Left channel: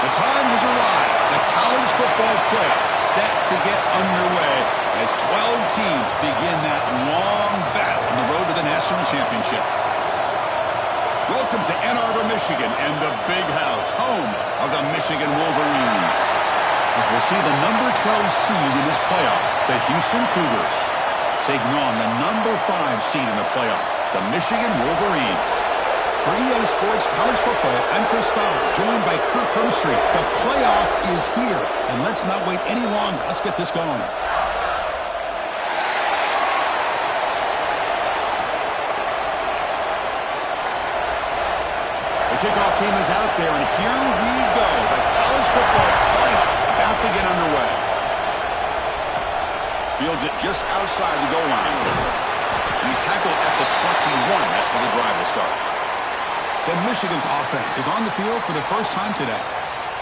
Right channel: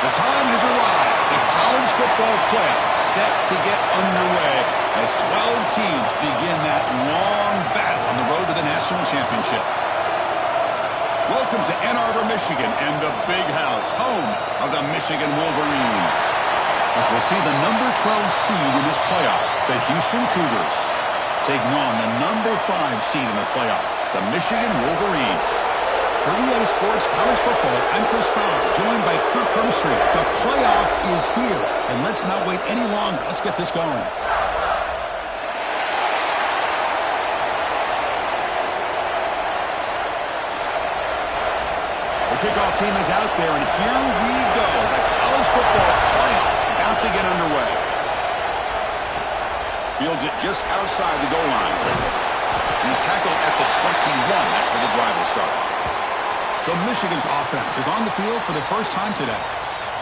The time has arrived. The college football playoff set to get underway as 12 teams begin that long battle on the road to the national championship. Welcome to Ann Arbor, Michigan, and the Big House, home of the Michigan Wolverines. As we'll see the number 12 seed in this playoff, the Houston Cougars, taking on the number 5 seed in the playoff, the Michigan Wolverines. For EA Sports College Football, I'm Chris Fowler, joined by Kirk Hermstreet. The playoff is here, and let's not wait any longer. Let's get this going. The kickoff team is out there, and here we go. The college football playoff about to get underway. Fields it just outside the goal line. And he's tackled at the 21. That's where the drive will start. So Michigan's offense is on the field for the first time today.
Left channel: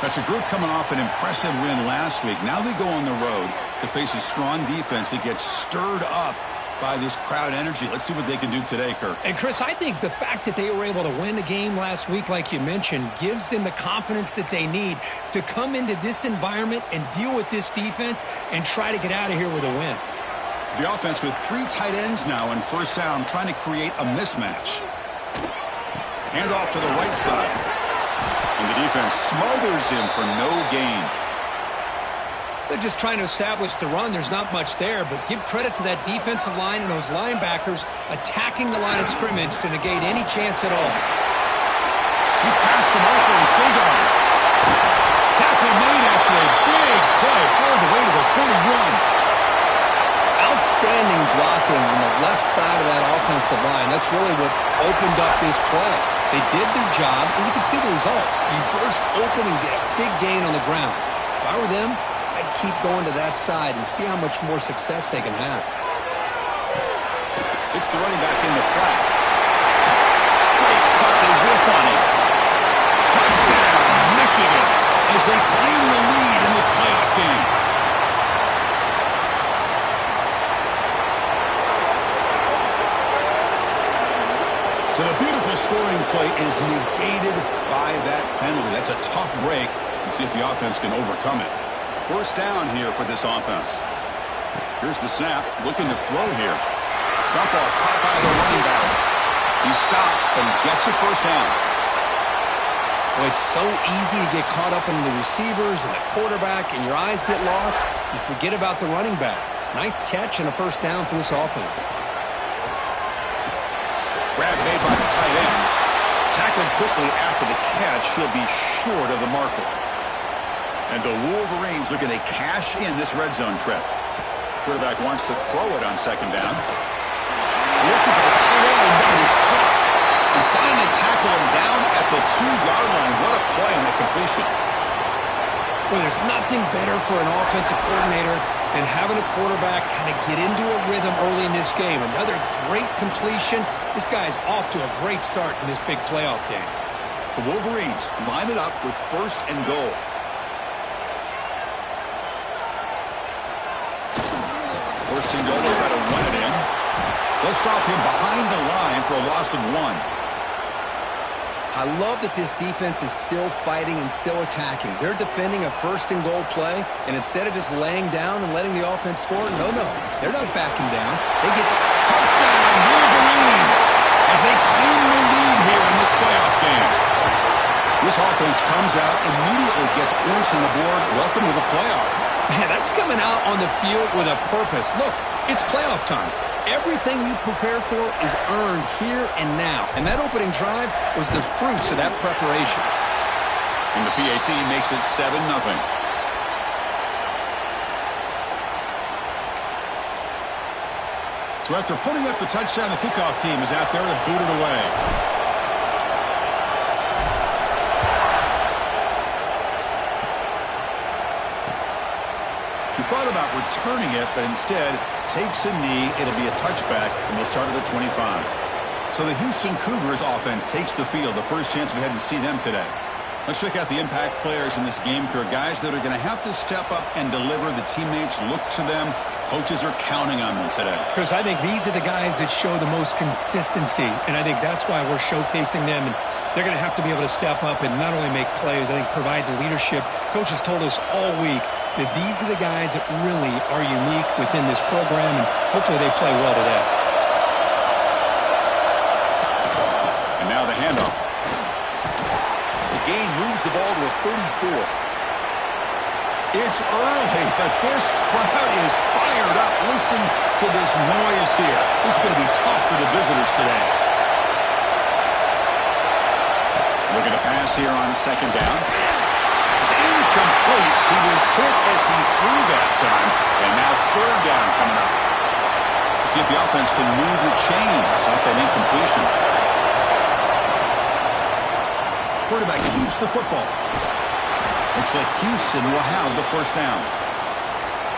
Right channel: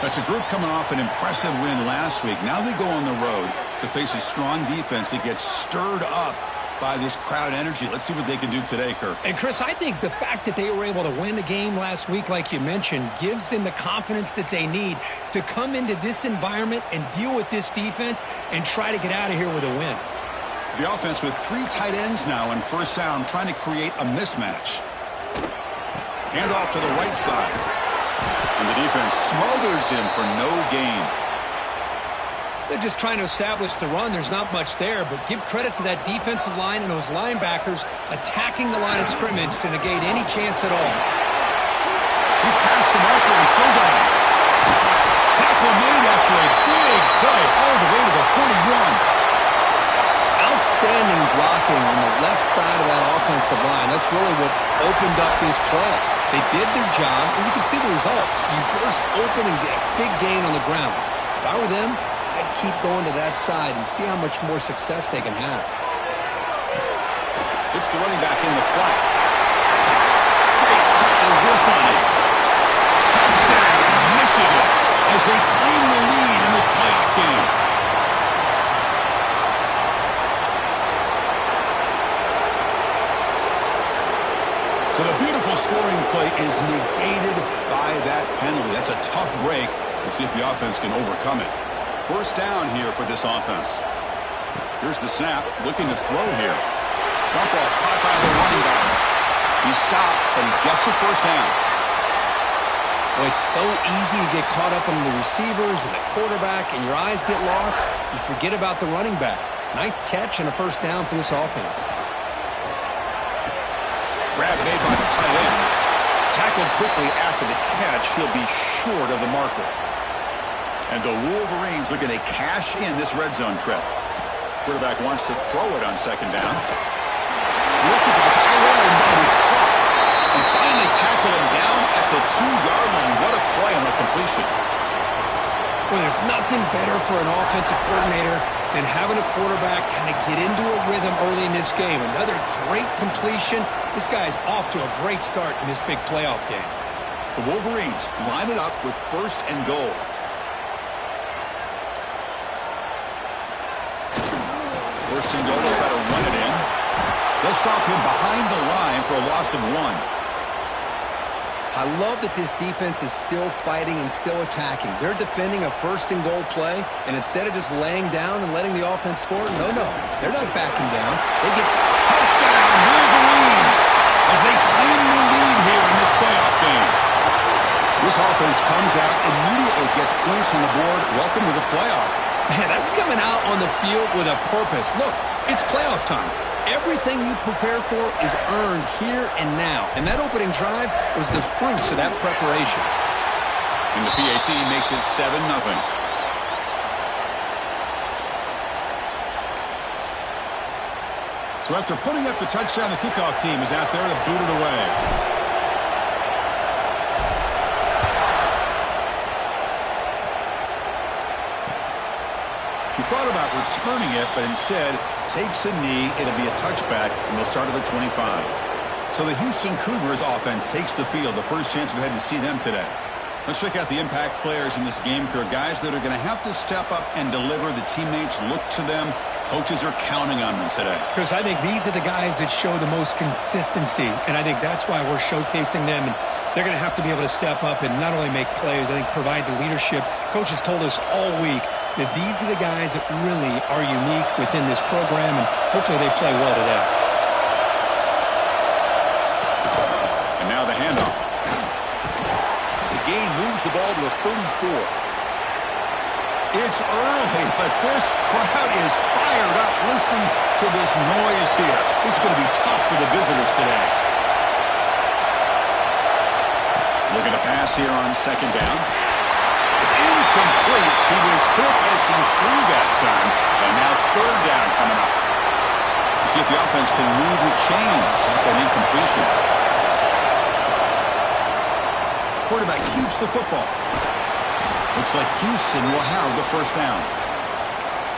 That's a group coming off an impressive win last week. Now they go on the road to face a strong defense that gets stirred up by this crowd energy. Let's see what they can do today, Kirk. And, Chris, I think the fact that they were able to win the game last week, like you mentioned, gives them the confidence that they need to come into this environment and deal with this defense and try to get out of here with a win. The offense with 3 tight ends now in first down, trying to create a mismatch. Hand off to the right side. And the defense smothers him for no gain. They're just trying to establish the run. There's not much there, but give credit to that defensive line and those linebackers attacking the line of scrimmage to negate any chance at all. He's past the marker and still going. Tackle made after a big play all the way to the 41. Outstanding blocking on the left side of that offensive line. That's really what opened up this play. They did their job, and you can see the results. You burst open and get a big gain on the ground. If I were them, I'd keep going to that side and see how much more success they can have. It's the running back in the flat. Great cut, they whiff on it. Touchdown, Michigan, as they claim the lead in this playoff game. So the beautiful scoring play is negated by that penalty. That's a tough break. We'll see if the offense can overcome it. First down here for this offense. Here's the snap. Looking to throw here. Dump off caught by the running back. He stopped, but he gets a first down. Well, it's so easy to get caught up in the receivers and the quarterback, and your eyes get lost. You forget about the running back. Nice catch and a first down for this offense. Grab made by the tight end. Tackled quickly after the catch. He'll be short of the marker. And the Wolverines looking to cash in this red zone trip. Quarterback wants to throw it on second down. Looking for the tight end, and it's caught. And finally tackle him down at the 2-yard line. What a play on that completion. Well, there's nothing better for an offensive coordinator than having a quarterback kind of get into a rhythm early in this game. Another great completion. This guy's off to a great start in this big playoff game. The Wolverines line it up with first and goal. First and goal, they'll try to run it in. They'll stop him behind the line for a loss of 1. I love that this defense is still fighting and still attacking. They're defending a first and goal play, and instead of just laying down and letting the offense score, no, they're not backing down. They get touchdown, Wolverines, as they claim the lead here in this playoff game. This offense comes out, immediately gets points on the board. Welcome to the playoff. Man, that's coming out on the field with a purpose. Look, it's playoff time. Everything you prepare for is earned here and now. And that opening drive was the fruits of that preparation. And the PAT makes it 7-0. So after putting up the touchdown, the kickoff team is out there to boot it away. He thought about returning it, but instead takes a knee. It'll be a touchback, and we'll start at the 25. So the Houston Cougars offense takes the field. The first chance we had to see them today. Let's check out the impact players in this game, Kirk. Guys that are going to have to step up and deliver. The teammates look to them Coaches are counting on them today. Chris, I think these are the guys that show the most consistency, and I think that's why we're showcasing them, and they're going to have to be able to step up and not only make plays, I think provide the leadership. Coaches told us all week that these are the guys that really are unique within this program, and hopefully they play well today. And now the handoff. The gain moves the ball to the 34. It's early, but this crowd is fired up. Listen to this noise here. This is going to be tough for the visitors today. Looking to pass here on second down. It's incomplete. He was hit as he threw that time. And now third down coming up. We'll see if the offense can move the chains off that incompletion. Quarterback keeps the football. Looks like Houston will have the first down.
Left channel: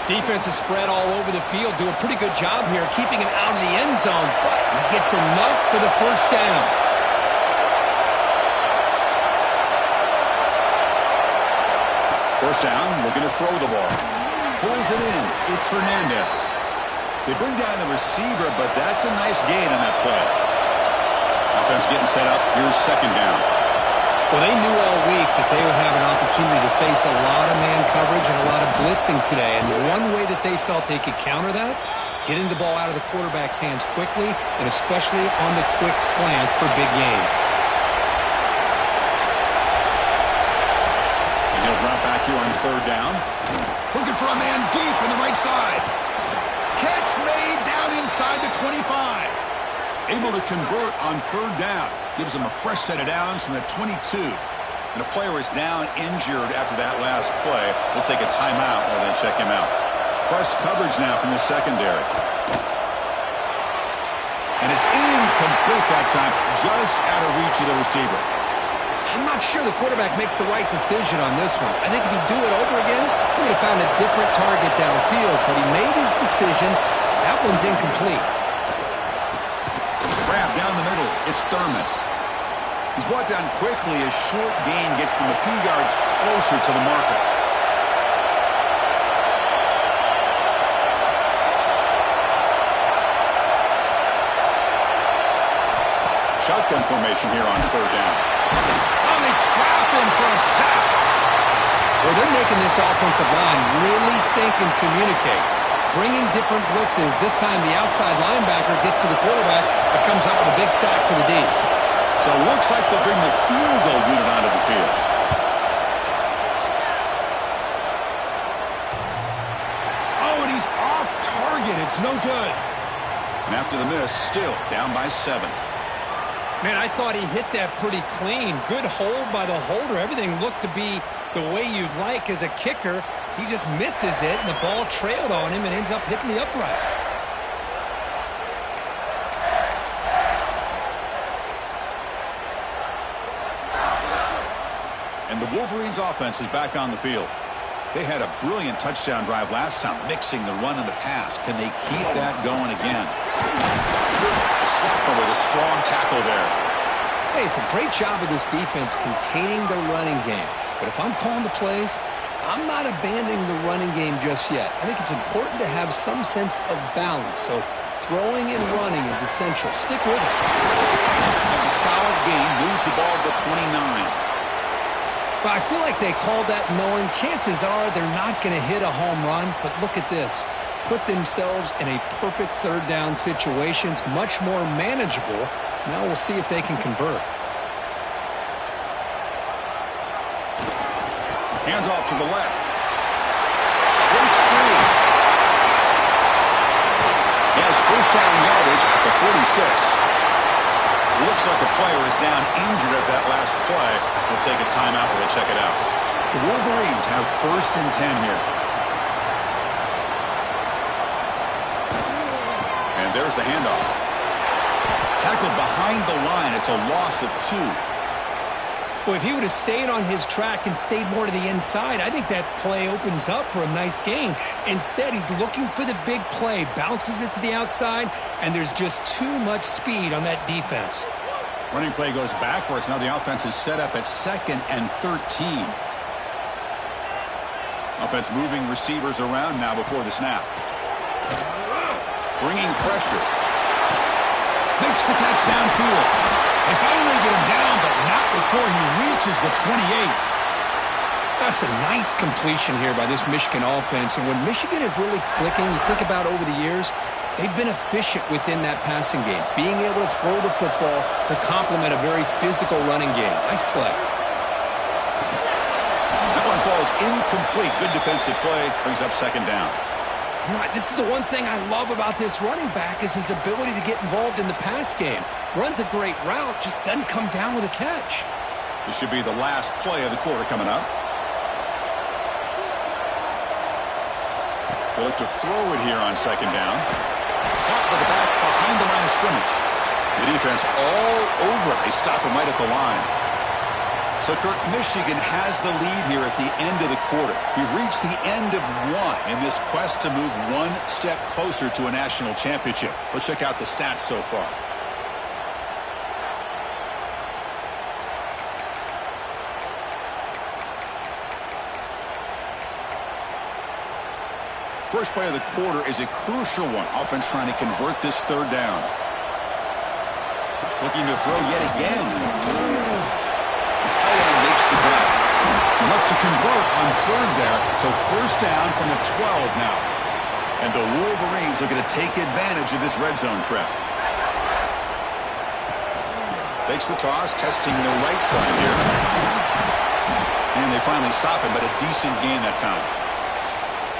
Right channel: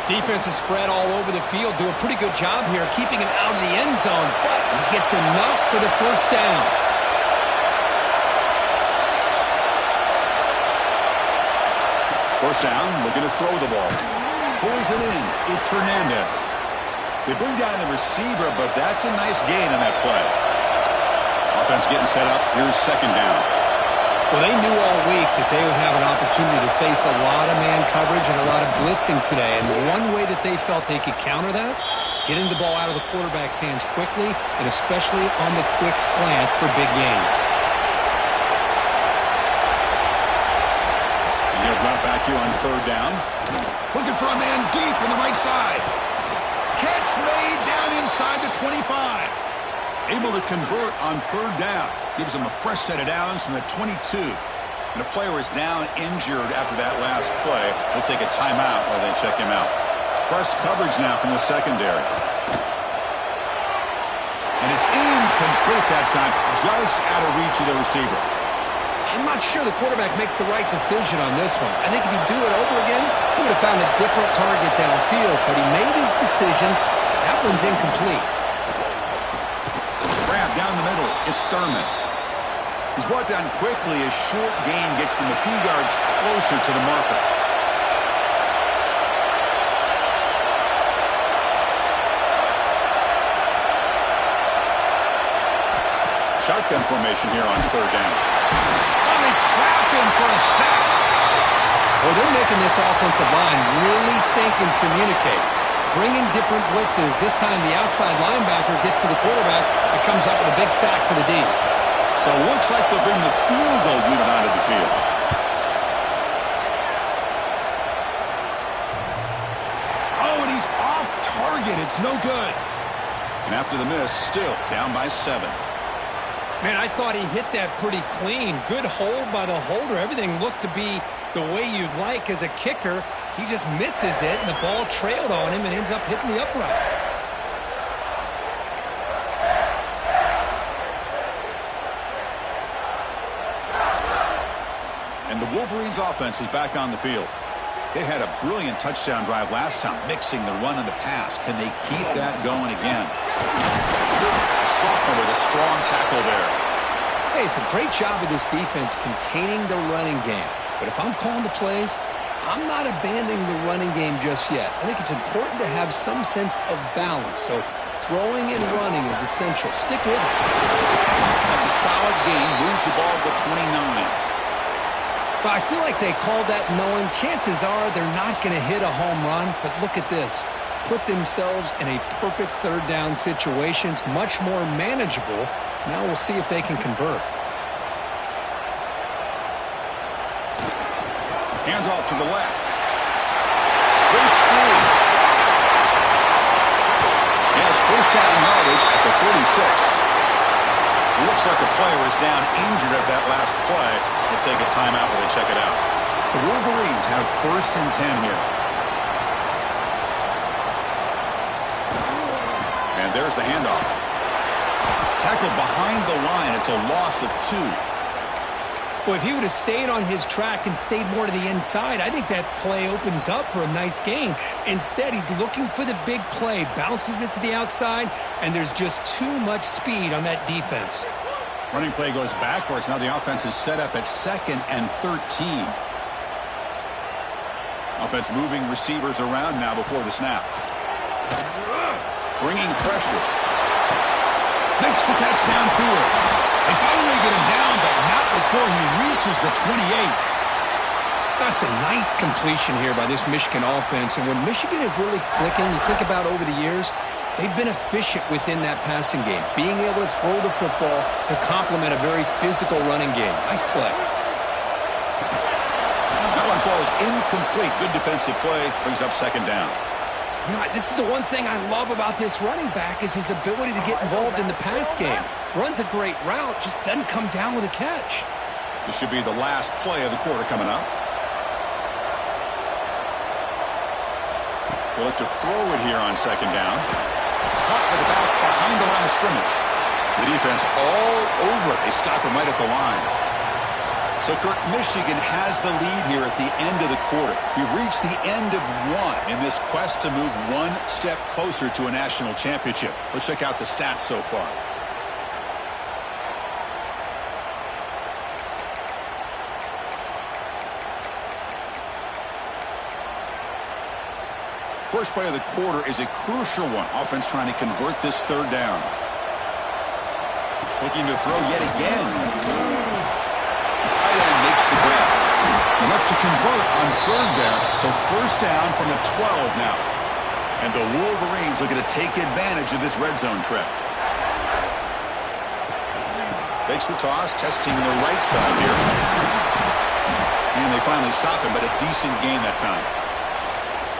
Defense is spread all over the field. Do a pretty good job here keeping him out of the end zone, but he gets enough for the first down. First down, looking to throw the ball. Pulls it in. It's Hernandez. They bring down the receiver, but that's a nice gain on that play. Offense getting set up. Here's second down. Well, they knew all week that they would have an opportunity to face a lot of man coverage and a lot of blitzing today. And one way that they felt they could counter that, getting the ball out of the quarterback's hands quickly, and especially on the quick slants for big gains. And he'll drop back here on third down. Looking for a man deep in the right side. Catch made down inside the 25. Able to convert on third down. Gives them a fresh set of downs from the 22. And a player is down injured after that last play. We'll take a timeout while they check him out. Press coverage now from the secondary. And it's incomplete that time, just out of reach of the receiver. I'm not sure the quarterback makes the right decision on this one. I think if he'd do it over again, he would have found a different target downfield. But he made his decision. That one's incomplete. Grab down the middle. It's Thurman. He's brought down quickly. A short gain gets them a few yards closer to the marker. Shotgun formation here on third down. Oh, they trap him for a sack. Well, they're making this offensive line really think and communicate. Bringing different blitzes. This time the outside linebacker gets to the quarterback and comes up with a big sack for the D. So it looks like they'll bring the field goal unit onto the field. Oh, and he's off target. It's no good. And after the miss, still down by 7. Man, I thought he hit that pretty clean. Good hold by the holder. Everything looked to be the way you'd like as a kicker. He just misses it, and the ball trailed on him and ends up hitting the upright. And the Wolverines' offense is back on the field. They had a brilliant touchdown drive last time, mixing the run and the pass. Can they keep that going again? The sophomore with a strong tackle there. Hey, it's a great job of this defense containing the running game. But if I'm calling the plays, I'm not abandoning the running game just yet. I think it's important to have some sense of balance. So throwing and running is essential. Stick with it. That's a solid gain. Moves the ball to the 29. But I feel like they called that knowing chances are they're not going to hit a home run. But look at this. Put themselves in a perfect third down situation. It's much more manageable. Now we'll see if they can convert. Hands off to the left. Breaks free. He has first down yardage at the 46. Looks like a player is down injured at that last play. We'll take a timeout while they check it out. The Wolverines have first and 10 here. And there's the handoff. Tackled behind the line. It's a loss of 2. Well, if he would have stayed on his track and stayed more to the inside, I think that play opens up for a nice gain. Instead, he's looking for the big play, bounces it to the outside, and there's just too much speed on that defense. Running play goes backwards. Now the offense is set up at 2nd and 13. Offense moving receivers around now before the snap. Bringing pressure. Makes the catch downfield. They finally get him down, but not before he reaches the 28. That's a nice completion here by this Michigan offense. And when Michigan is really clicking, you think about over the years, they've been efficient within that passing game, being able to throw the football to complement a very physical running game. Nice play. That one falls incomplete. Good defensive play. Brings up second down. You know, this is the one thing I love about this running back is his ability to get involved in the pass game. Runs a great route, just doesn't come down with a catch. This should be the last play of the quarter coming up. They look to throw it here on second down. Caught by the back behind the line of scrimmage. The defense all over it. They stop him right at the line. So, Kirk, Michigan has the lead here at the end of the quarter. We've reached the end of one in this quest to move one step closer to a national championship. Let's check out the stats so far. First play of the quarter is a crucial one. Offense trying to convert this third down. Looking to throw yet again. Tight end makes the grab. Enough to convert on third there. So first down from the 12 now. And the Wolverines looking to take advantage of this red zone trip. Takes the toss, testing the right side here. And they finally stop him, but a decent gain that time.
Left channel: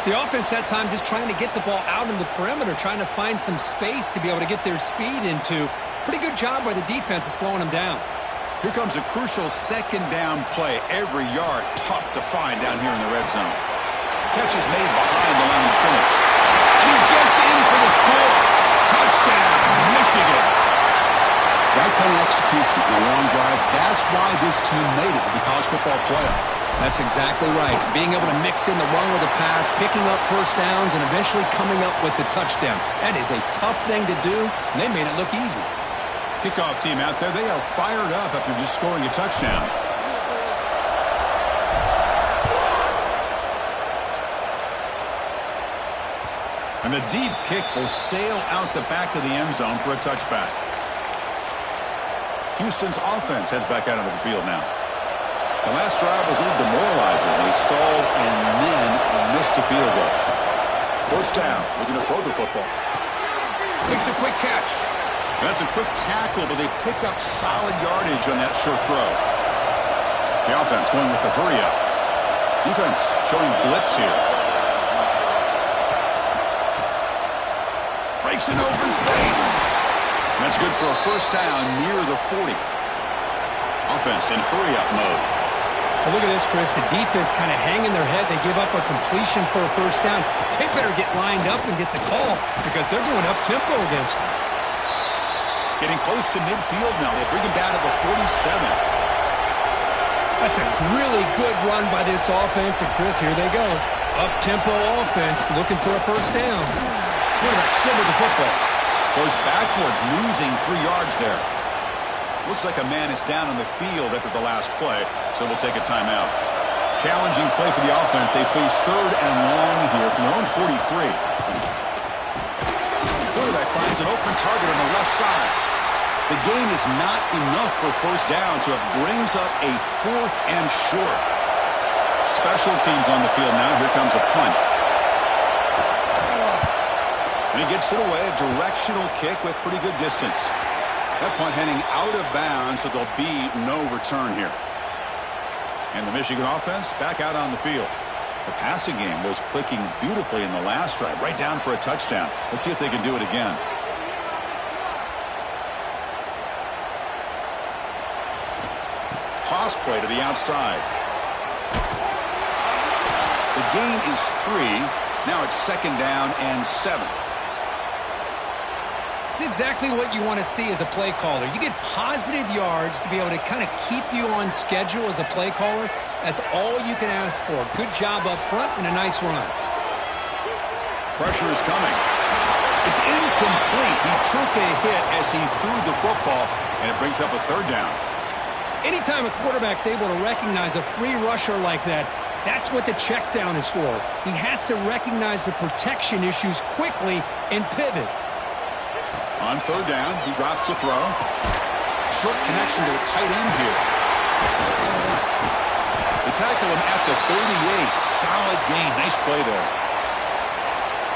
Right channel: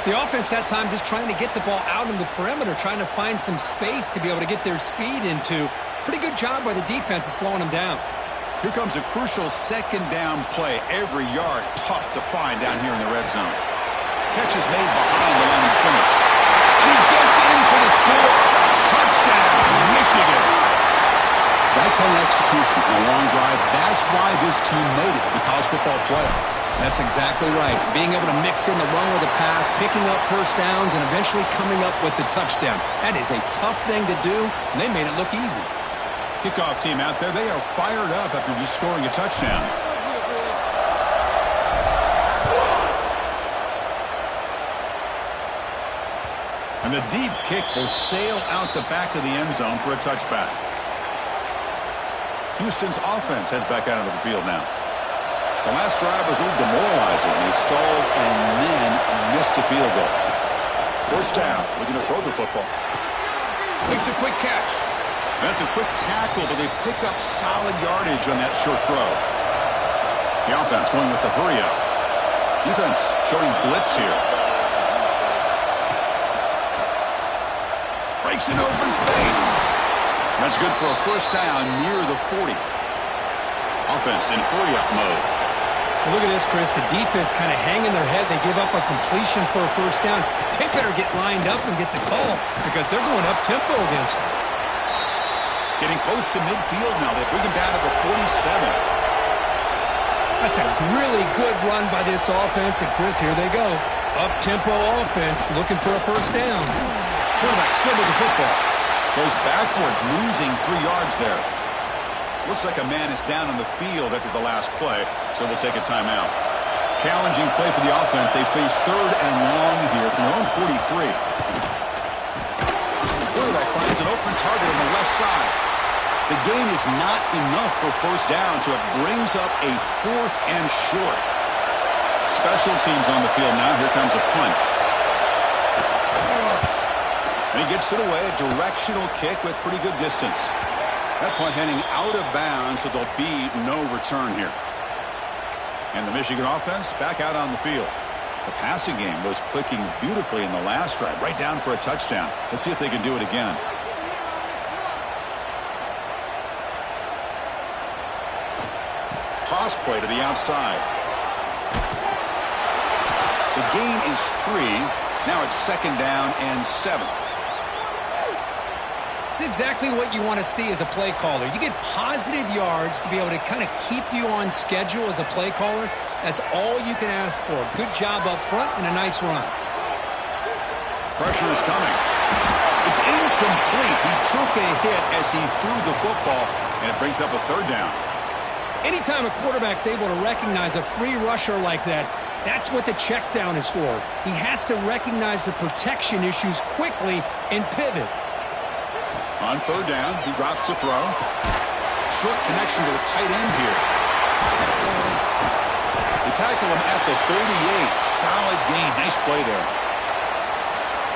The offense that time just trying to get the ball out in the perimeter, trying to find some space to be able to get their speed into. Pretty good job by the defense of slowing them down. Here comes a crucial second down play. Every yard tough to find down here in the red zone. Catch is made behind the line of scrimmage. And he gets in for the score. Touchdown, Michigan. That kind of execution in a long drive, that's why this team made it to the college football playoff. That's exactly right. Being able to mix in the run with the pass, picking up first downs, and eventually coming up with the touchdown. That is a tough thing to do, and they made it look easy. Kickoff team out there, they are fired up after just scoring a touchdown. And the deep kick will sail out the back of the end zone for a touchback. Houston's offense heads back out onto the field now. The last drive was a little demoralizing. They stalled and then missed a field goal. First down, looking to throw the football. Makes a quick catch. That's a quick tackle, but they pick up solid yardage on that short throw. The offense going with the hurry up. Defense showing blitz here. Breaks in open space. That's good for a first down near the 40. Offense in hurry up mode. Well, look at this, Chris. The defense kind of hanging their head. They give up a completion for a first down. They better get lined up and get the call because they're going up tempo against them. Getting close to midfield now. They bring him down to the 47. That's a really good run by this offense. And, Chris, here they go. Up-tempo offense looking for a first down. Quarterback still with the football. Goes backwards, losing 3 yards there. Looks like a man is down on the field after the last play, so we'll take a timeout. Challenging play for the offense. They face third and long here from their own 43. Quarterback finds an open target on the left side. The gain is not enough for first down, so it brings up a 4th and short. Special teams on the field now. Here comes a punt. And he gets it away, a directional kick with pretty good distance. That punt heading out of bounds, so there'll be no return here. And the Michigan offense back out on the field. The passing game was clicking beautifully in the last drive, right down for a touchdown. Let's see if they can do it again. Toss play to the outside. The gain is 3. Now it's second down and 7. It's exactly what you want to see as a play caller. You get positive yards to be able to kind of keep you on schedule as a play caller. That's all you can ask for. Good job up front and a nice run. Pressure is coming. It's incomplete. He took a hit as he threw the football, and it brings up a third down. Anytime a quarterback's able to recognize a free rusher like that, That's what the check down is for. He has to recognize the protection issues quickly and pivot. On third down, he drops to throw. Short connection to the tight end here. They tackle him at the 38. Solid gain. Nice play there.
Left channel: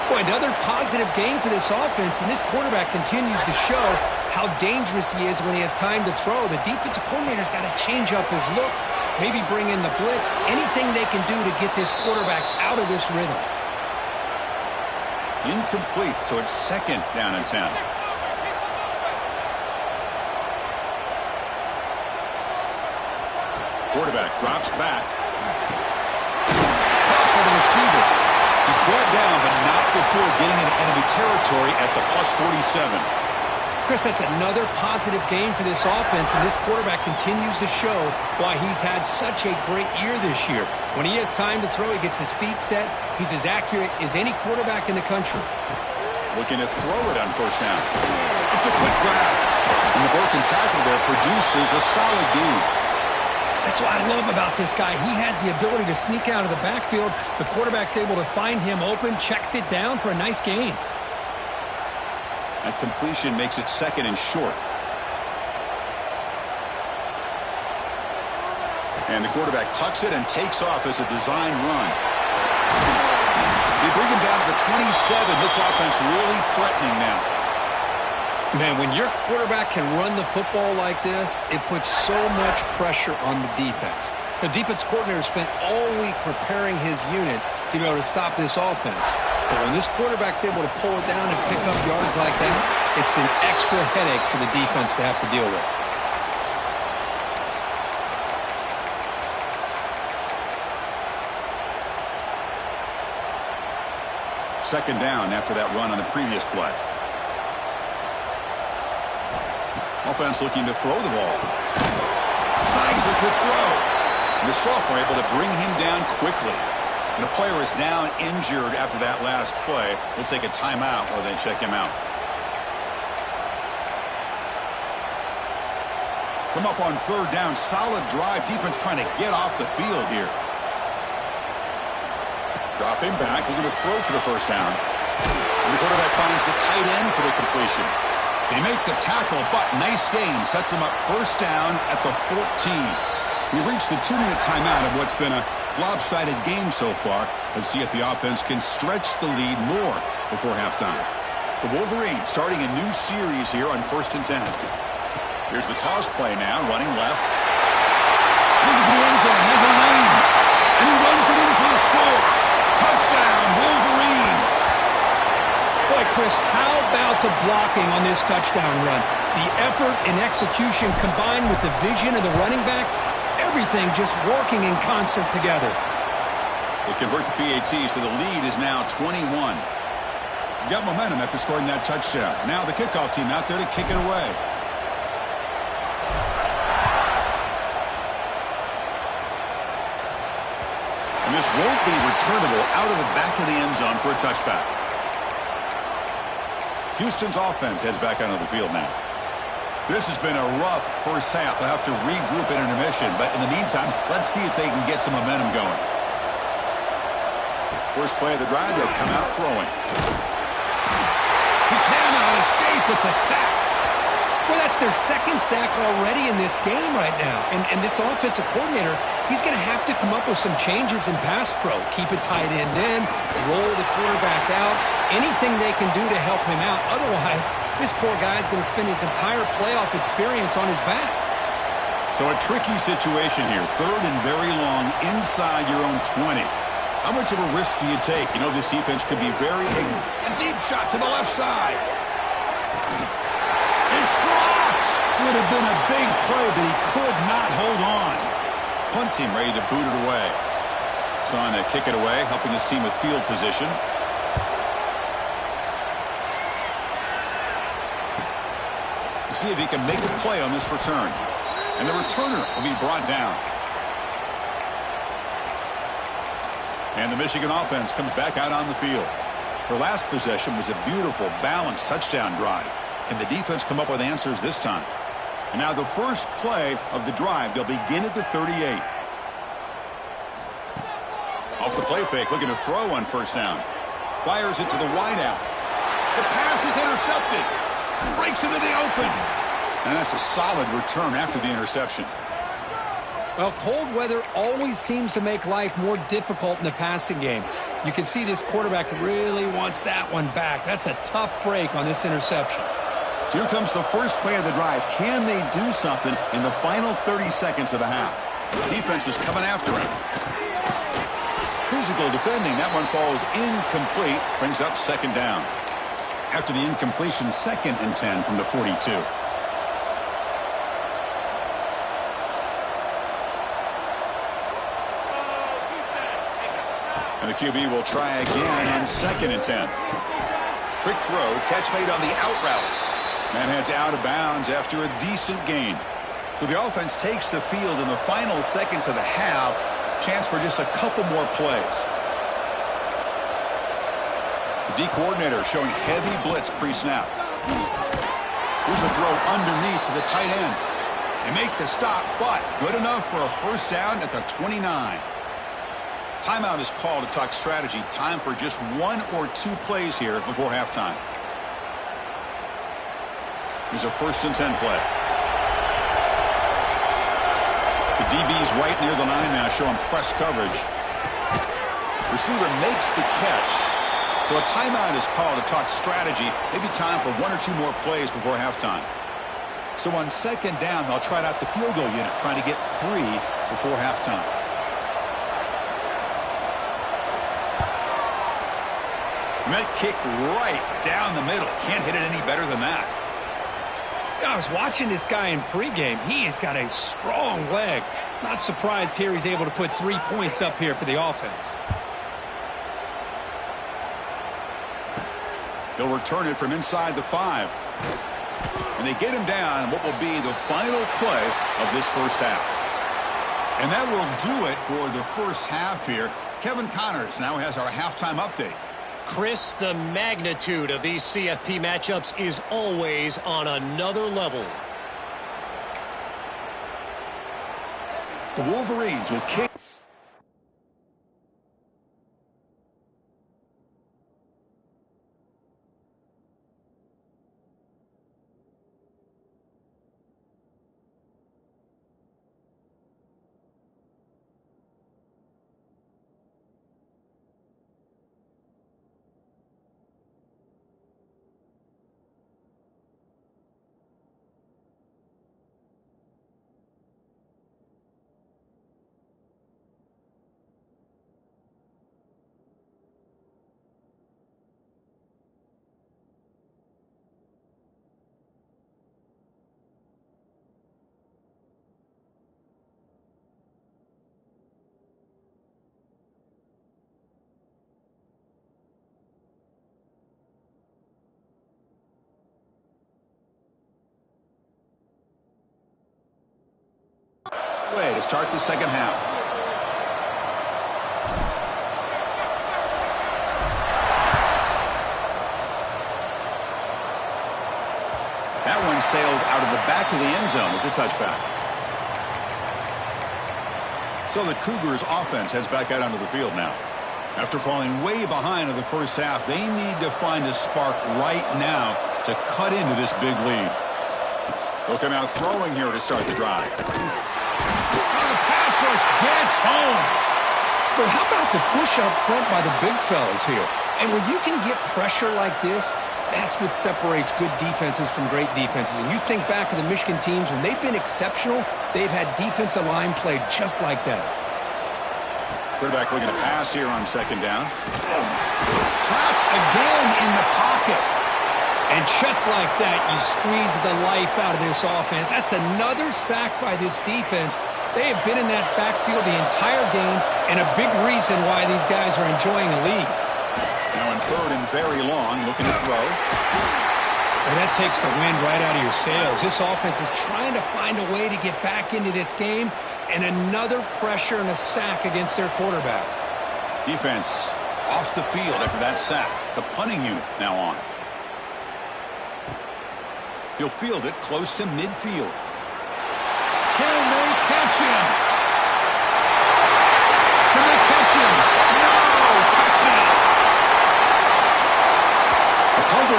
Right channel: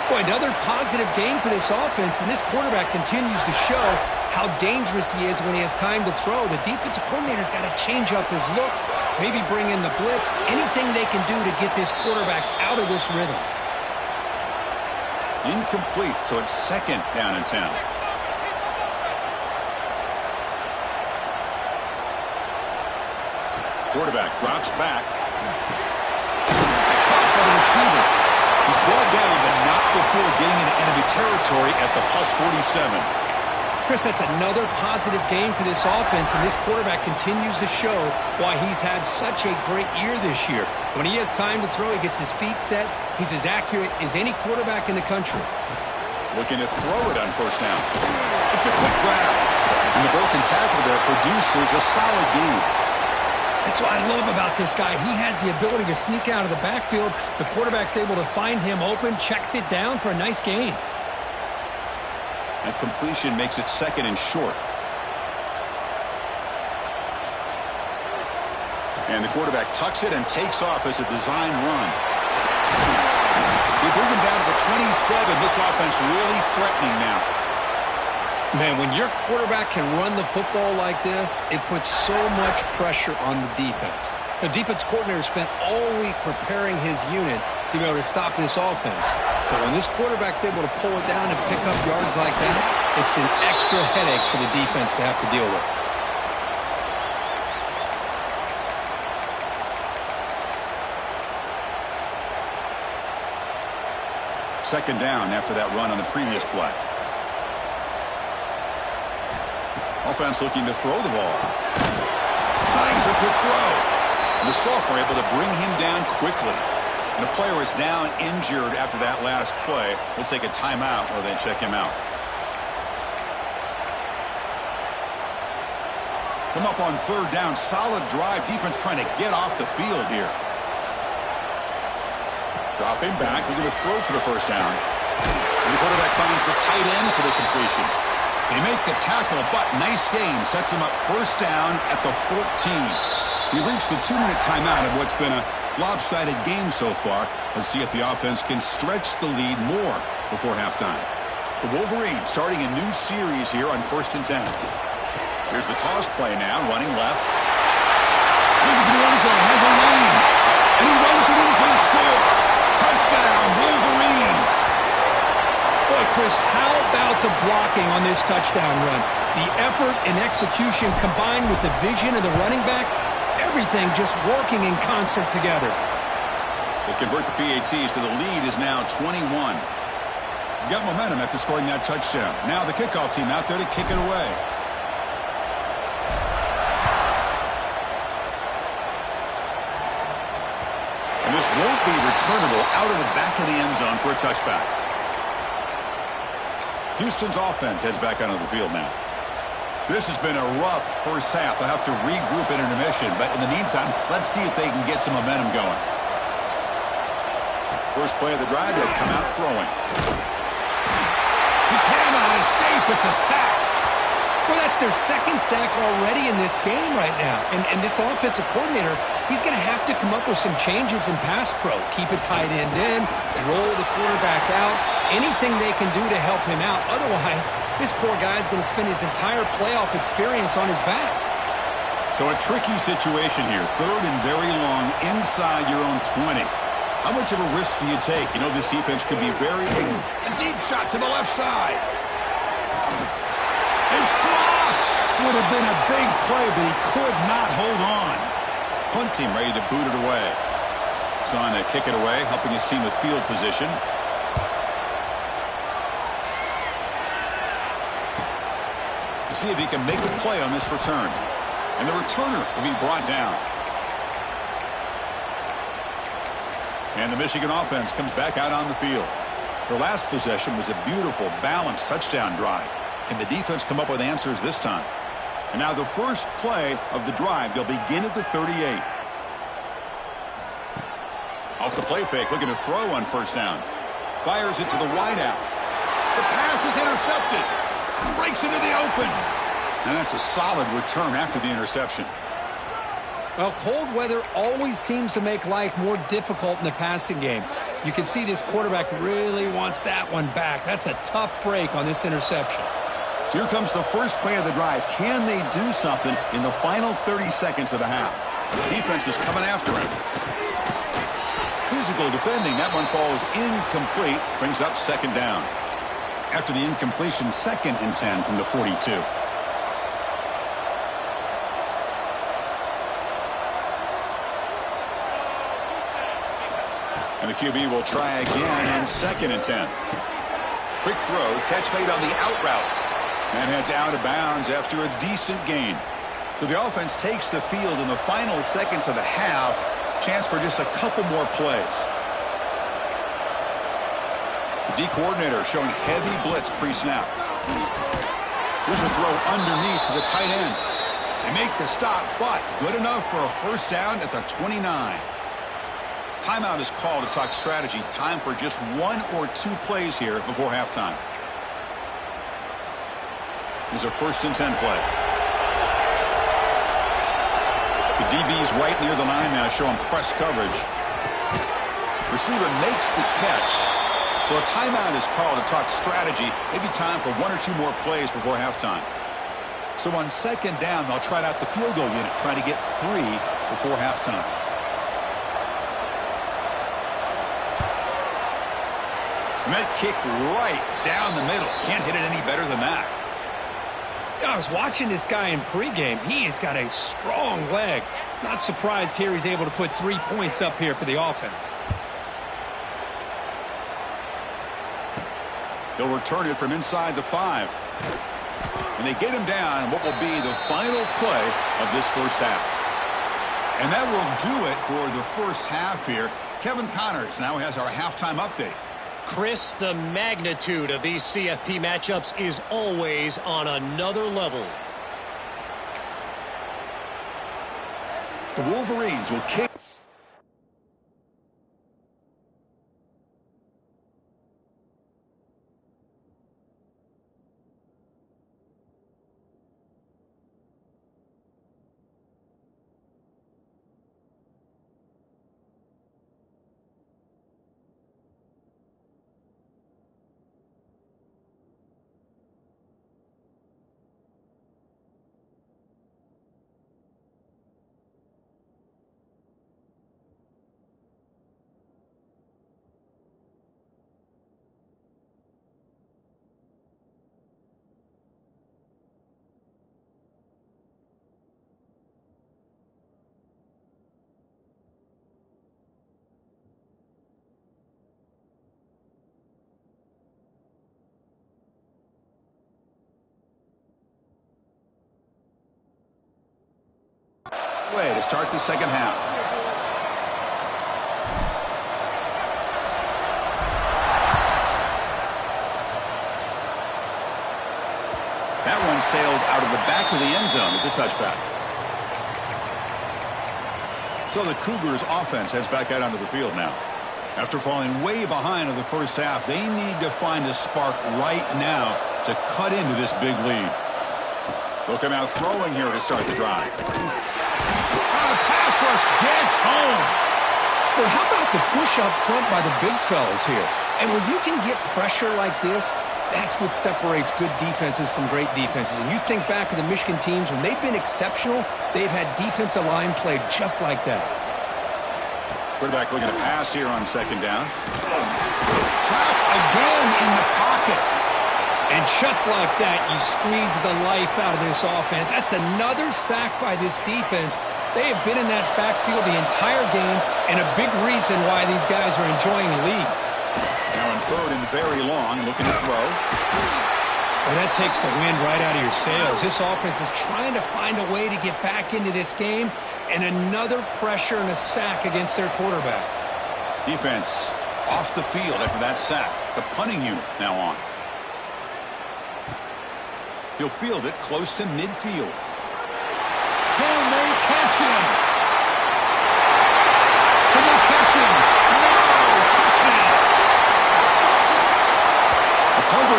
Boy, another positive gain for this offense, and this quarterback continues to show how dangerous he is when he has time to throw. The defensive coordinator's got to change up his looks, maybe bring in the blitz, anything they can do to get this quarterback out of this rhythm. Incomplete, so it's second down and 10. Quarterback drops back. Caught by the receiver. He's brought down, but not before getting into enemy territory at the plus 47. Chris, that's another positive game for this offense, and this quarterback continues to show why he's had such a great year this year. When he has time to throw, he gets his feet set. He's as accurate as any quarterback in the country. Looking to throw it on first down. It's a quick grab. And the broken tackle there produces a solid gain. That's what I love about this guy. He has the ability to sneak out of the backfield. The quarterback's able to find him open, checks it down for a nice gain. That completion makes it second and short. And the quarterback tucks it and takes off as a design run. They bring him down to the 27. This offense really threatening now. Man, when your quarterback can run the football like this, it puts so much pressure on the defense. The defense coordinator spent all week preparing his unit to be able to stop this offense. But when this quarterback's able to pull it down and pick up yards like that, it's an extra headache for the defense to have to deal with. Second down after that run on the previous play. Offense looking to throw the ball. Signs a quick throw. And the sophomore able to bring him down quickly. And a player is down injured after that last play. We'll take a timeout while they check him out. Come up on third down. Solid drive. Defense trying to get off the field here. Drop him back. Looking to throw for the first down. And the quarterback finds the tight end for the completion. They make the tackle, but nice gain. Sets him up first down at the 14. We've reached the 2-minute timeout of what's been a lopsided game so far. Let's see if the offense can stretch the lead more before halftime. The Wolverines starting a new series here on 1st and 10. Here's the toss play now, running left. Looking for the end zone, has a lane. And he runs it in for the score. Touchdown, Wolverines. Boy, Chris, how about the blocking on this touchdown run? The effort and execution combined with the vision of the running back, everything just working in concert together. They convert the PAT, so the lead is now 21. Got momentum after scoring that touchdown. Now the kickoff team out there to kick it away. And this won't be returnable out of the back of the end zone for a touchback. Houston's offense heads back onto the field now. This has been a rough first half. They'll have to regroup at intermission, but in the meantime, let's see if they can get some momentum going. First play of the drive, they'll come out throwing. He cannot escape. It's a sack. Well, that's their second sack already in this game right now. And this offensive coordinator, he's going to have to come up with some changes in pass pro. Keep a tight end in, roll the quarterback out, anything they can do to help him out. Otherwise, this poor guy is going to spend his entire playoff experience on his back. So a tricky situation here. Third and very long inside your own 20. How much of a risk do you take? You know this defense could be very big. A deep shot to the left side. It's dropped. Would have been a big play, but he could not hold on. Punt team ready to boot it away. He's on to kick it away, helping his team with field position. We'll see if he can make a play on this return. And the returner will be brought down. And the Michigan offense comes back out on the field. Their last possession was a beautiful, balanced touchdown drive. Can the defense come up with answers this time? And now the first play of the drive, they'll begin at the 38. Off the play fake, looking to throw on first down. Fires it to the wideout. The pass is intercepted. Breaks into the open. And that's a solid return after the interception. Well, cold weather always seems to make life more difficult in the passing game. You can see this quarterback really wants that one back. That's a tough break on this interception. So here comes the first play of the drive. Can they do something in the final 30 seconds of the half? Defense is coming after him. Physical defending. That one falls incomplete. Brings up second down. After the incompletion, 2nd and 10 from the 42. And the QB will try again on 2nd and 10. Quick throw, catch made on the out route. Man heads out of bounds after a decent gain. So the offense takes the field in the final seconds of the half. Chance for just a couple more plays. The D coordinator showing heavy blitz pre-snap. Here's a throw underneath to the tight end. They make the stop, but good enough for a first down at the 29. Timeout is called to talk strategy. Time for just 1 or 2 plays here before halftime. Here's a 1st and 10 play. The DB's right near the line now, showing press coverage. Receiver makes the catch. So a timeout is called to talk strategy. Maybe time for 1 or 2 more plays before halftime. So on 2nd down, they'll try out the field goal unit, trying to get 3 before halftime. And that kick right down the middle. Can't hit it any better than that. I was watching this guy in pregame. He has got a strong leg. Not surprised here he's able to put 3 points up here for the offense. He'll return it from inside the 5. And they get him down what will be the final play of this first half. And that will do it for the first half here. Kevin Connors now has our halftime update. Chris, the magnitude of these CFP matchups is always on another level. The Wolverines will kick. Way to start the second half. That one sails out of the back of the end zone with the touchback. So the Cougars offense heads back out onto the field now. After falling way behind in the first half, they need to find a spark right now to cut into this big lead. They'll come out throwing here to start the drive. The pass rush gets home. But how about the push up front by the big fellas here? And when you can get pressure like this, that's what separates good defenses from great defenses. And you think back to the Michigan teams, when they've been exceptional, they've had defensive line play just like that. Quarterback looking to pass here on 2nd down. Trapped again in the pocket. And just like that, you squeeze the life out of this offense. That's another sack by this defense. They have been in that backfield the entire game, and a big reason why these guys are enjoying the lead. Now in 3rd and very long, looking to throw. Well, that takes the wind right out of your sails. This offense is trying to find a way to get back into this game, and another pressure and a sack against their quarterback. Defense off the field after that sack. The punting unit now on. He'll field it close to midfield. Can they catch him? Can they catch him?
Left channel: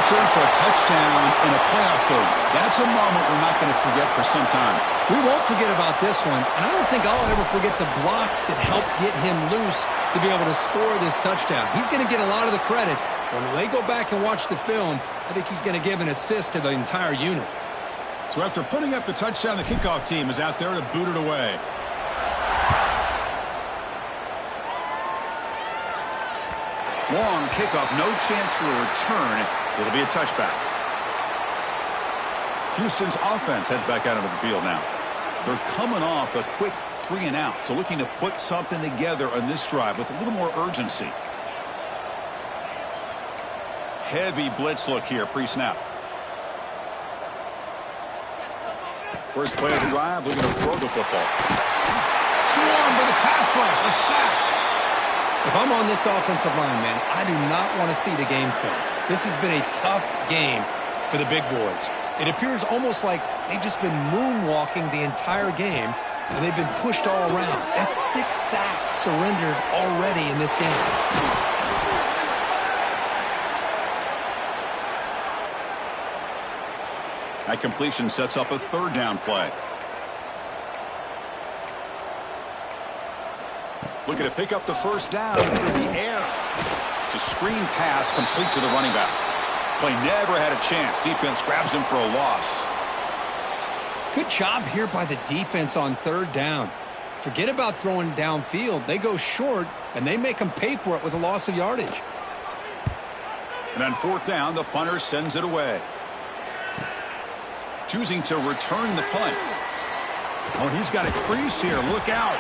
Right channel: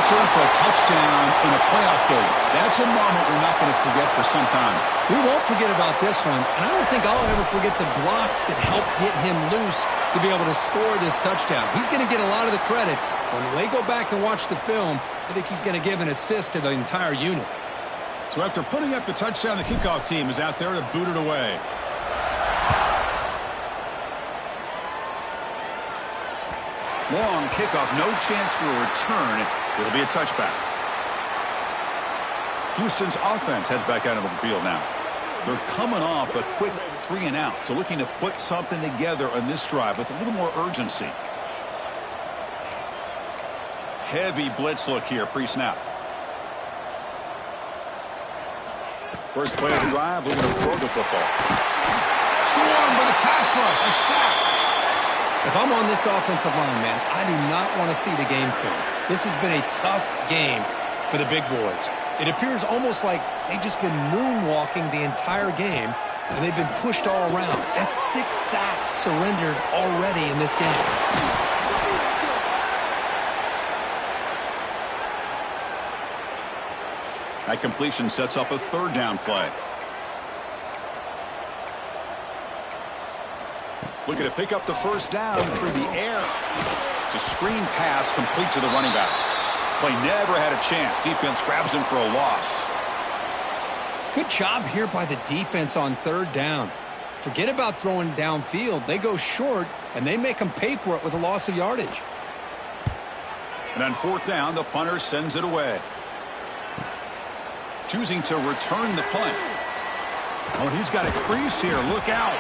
return for a touchdown in a playoff game. That's a moment we're not going to forget for some time. We won't forget about this one, and I don't think I'll ever forget the blocks that helped get him loose to be able to score this touchdown. He's going to get a lot of the credit. When they go back and watch the film, I think he's going to give an assist to the entire unit. So after putting up the touchdown, the kickoff team is out there to boot it away. Long kickoff, no chance for a return. It'll be a touchback. Houston's offense heads back out onto the field now. They're coming off a quick 3-and-out, so looking to put something together on this drive with a little more urgency. Heavy blitz look here pre-snap. First play of the drive, looking to throw the football. Swarmed by the pass rush, a sack. If I'm on this offensive line, man, I do not want to see the game film. This has been a tough game for the big boys. It appears almost like they've just been moonwalking the entire game, and they've been pushed all around. That's 6 sacks surrendered already in this game. That completion sets up a 3rd down play. Looking to pick up the 1st down through the air. It's a screen pass complete to the running back. Play never had a chance. Defense grabs him for a loss. Good job here by the defense on 3rd down. Forget about throwing downfield. They go short, and they make them pay for it with a loss of yardage. And on 4th down, the punter sends it away. Choosing to return the punt. Oh, and he's got a crease here. Look out.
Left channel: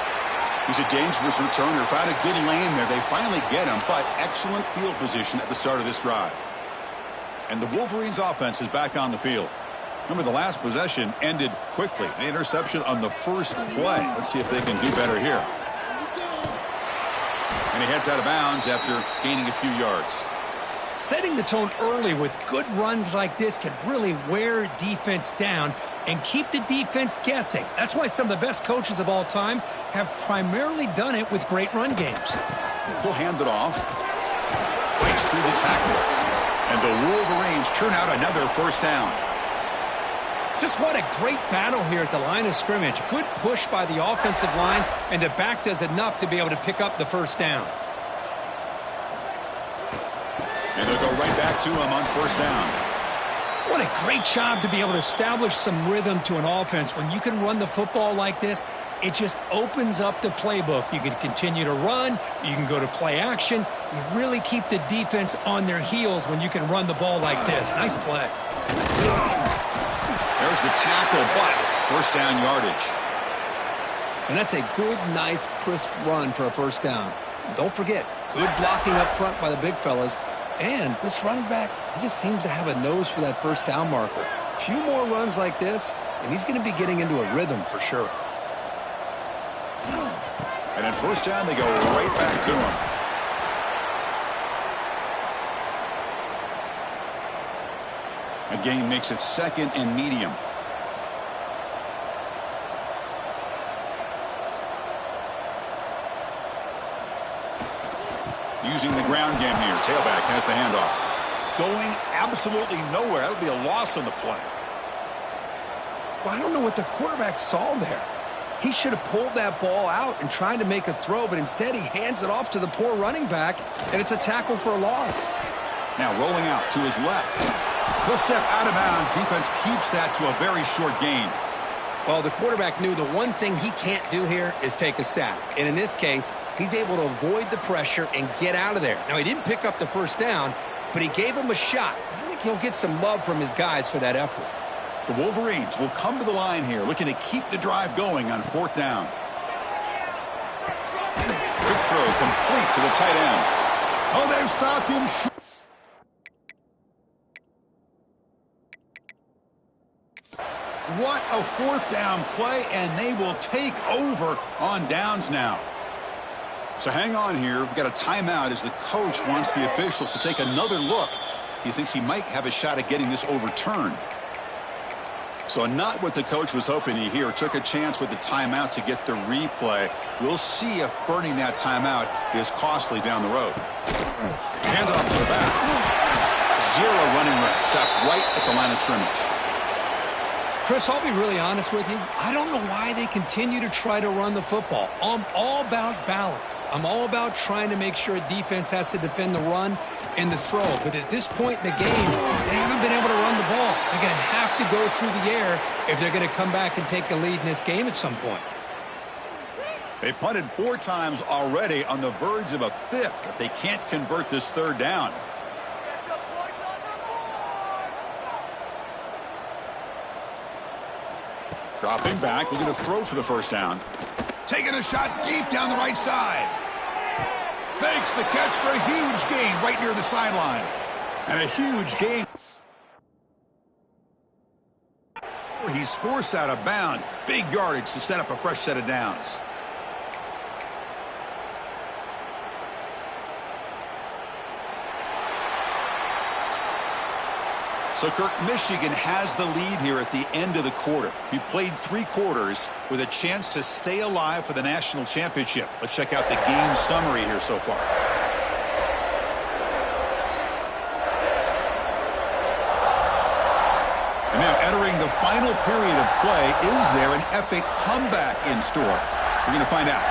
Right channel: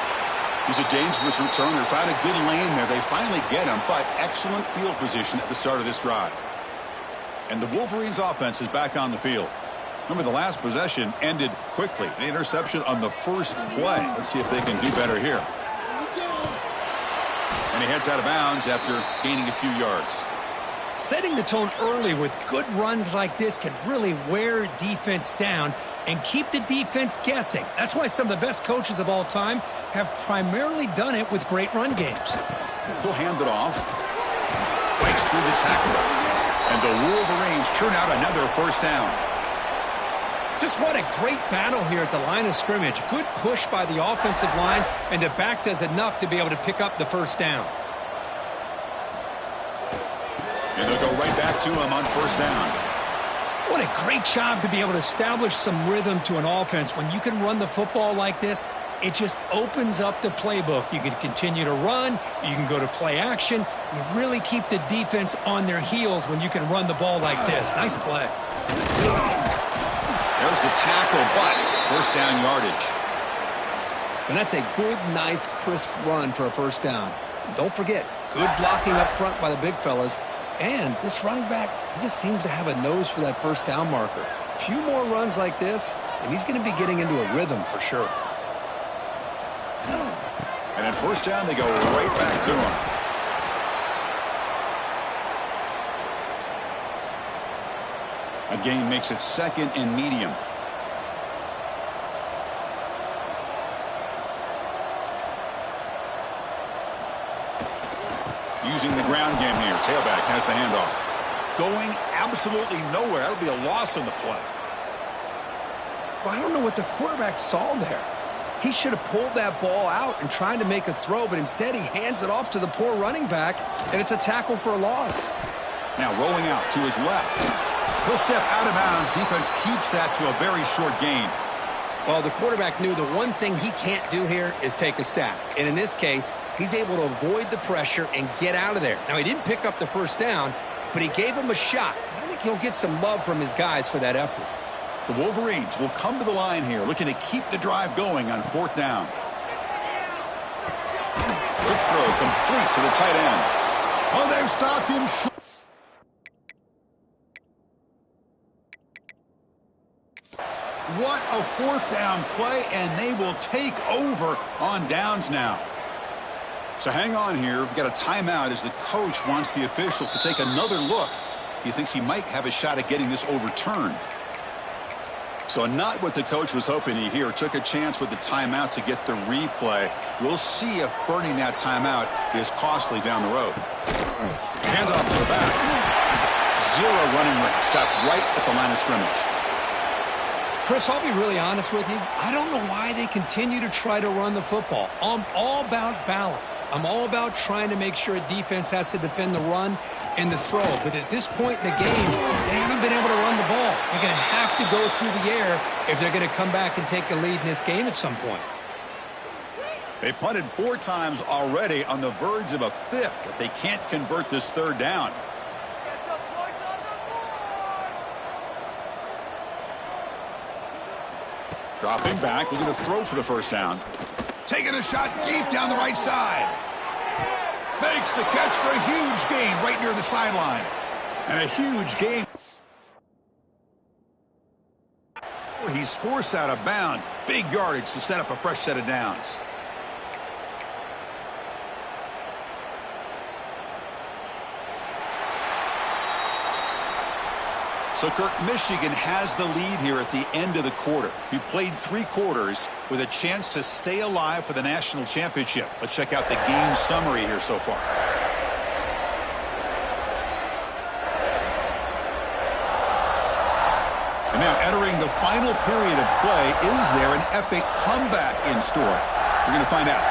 He's a dangerous returner. Found a good lane there. They finally get him, but excellent field position at the start of this drive. And the Wolverines' offense is back on the field. Remember, the last possession ended quickly. The interception on the first play. Let's see if they can do better here. And he heads out of bounds after gaining a few yards. Setting the tone early with good runs like this can really wear defense down and keep the defense guessing. That's why some of the best coaches of all time have primarily done it with great run games. He'll hand it off. Breaks through the tackler. And the Wolverines churn out another 1st down. Just what a great battle here at the line of scrimmage. Good push by the offensive line, and the back does enough to be able to pick up the 1st down. And they'll go right back to him on 1st down. What a great job to be able to establish some rhythm to an offense. When you can run the football like this, it just opens up the playbook. You can continue to run. You can go to play action. You really keep the defense on their heels when you can run the ball like this. Nice play. There's the tackle, but 1st down yardage. And that's a good, nice, crisp run for a 1st down. Don't forget, good blocking up front by the big fellas. And this running back, he just seems to have a nose for that 1st down marker. A few more runs like this, and he's going to be getting into a rhythm for sure. And at 1st down, they go right back to him. A gain makes it 2nd and medium. Using the ground game here. Tailback has the handoff. Going absolutely nowhere. That'll be a loss on the play. Well, I don't know what the quarterback saw there. He should have pulled that ball out and tried to make a throw, but instead he hands it off to the poor running back, and it's a tackle for a loss. Now rolling out to his left. He'll step out of bounds. Defense keeps that to a very short gain. Well, the quarterback knew the one thing he can't do here is take a sack. And in this case, he's able to avoid the pressure and get out of there. Now, he didn't pick up the 1st down, but he gave him a shot. And I think he'll get some love from his guys for that effort. The Wolverines will come to the line here, looking to keep the drive going on 4th down. Quick throw complete to the tight end. Oh, they've stopped him short. What a 4th down play, and they will take over on downs now. So hang on here. We've got a timeout as the coach wants the officials to take another look. He thinks he might have a shot at getting this overturned. So not what the coach was hoping to hear. Took a chance with the timeout to get the replay. We'll see if burning that timeout is costly down the road. Hand off to the back. Zero running room. Stopped right at the line of scrimmage. Chris, I'll be really honest with you. I don't know why they continue to try to run the football. I'm all about balance. I'm all about trying to make sure a defense has to defend the run and the throw. But at this point in the game, they haven't been able to run the ball. They're going to have to go through the air if they're going to come back and take a lead in this game at some point. They punted 4 times already, on the verge of a 5th, but they can't convert this 3rd down. Dropping back, looking to throw for the 1st down. Taking a shot deep down the right side. Makes the catch for a huge gain right near the sideline. And a huge gain. He's forced out of bounds. Big yardage to set up a fresh set of downs. So, Kirk, Michigan has the lead here at the end of the quarter. We played 3 quarters with a chance to stay alive for the national championship. Let's check out the game summary here so far. And now entering the final period of play, is there an epic comeback in store? We're going to find out.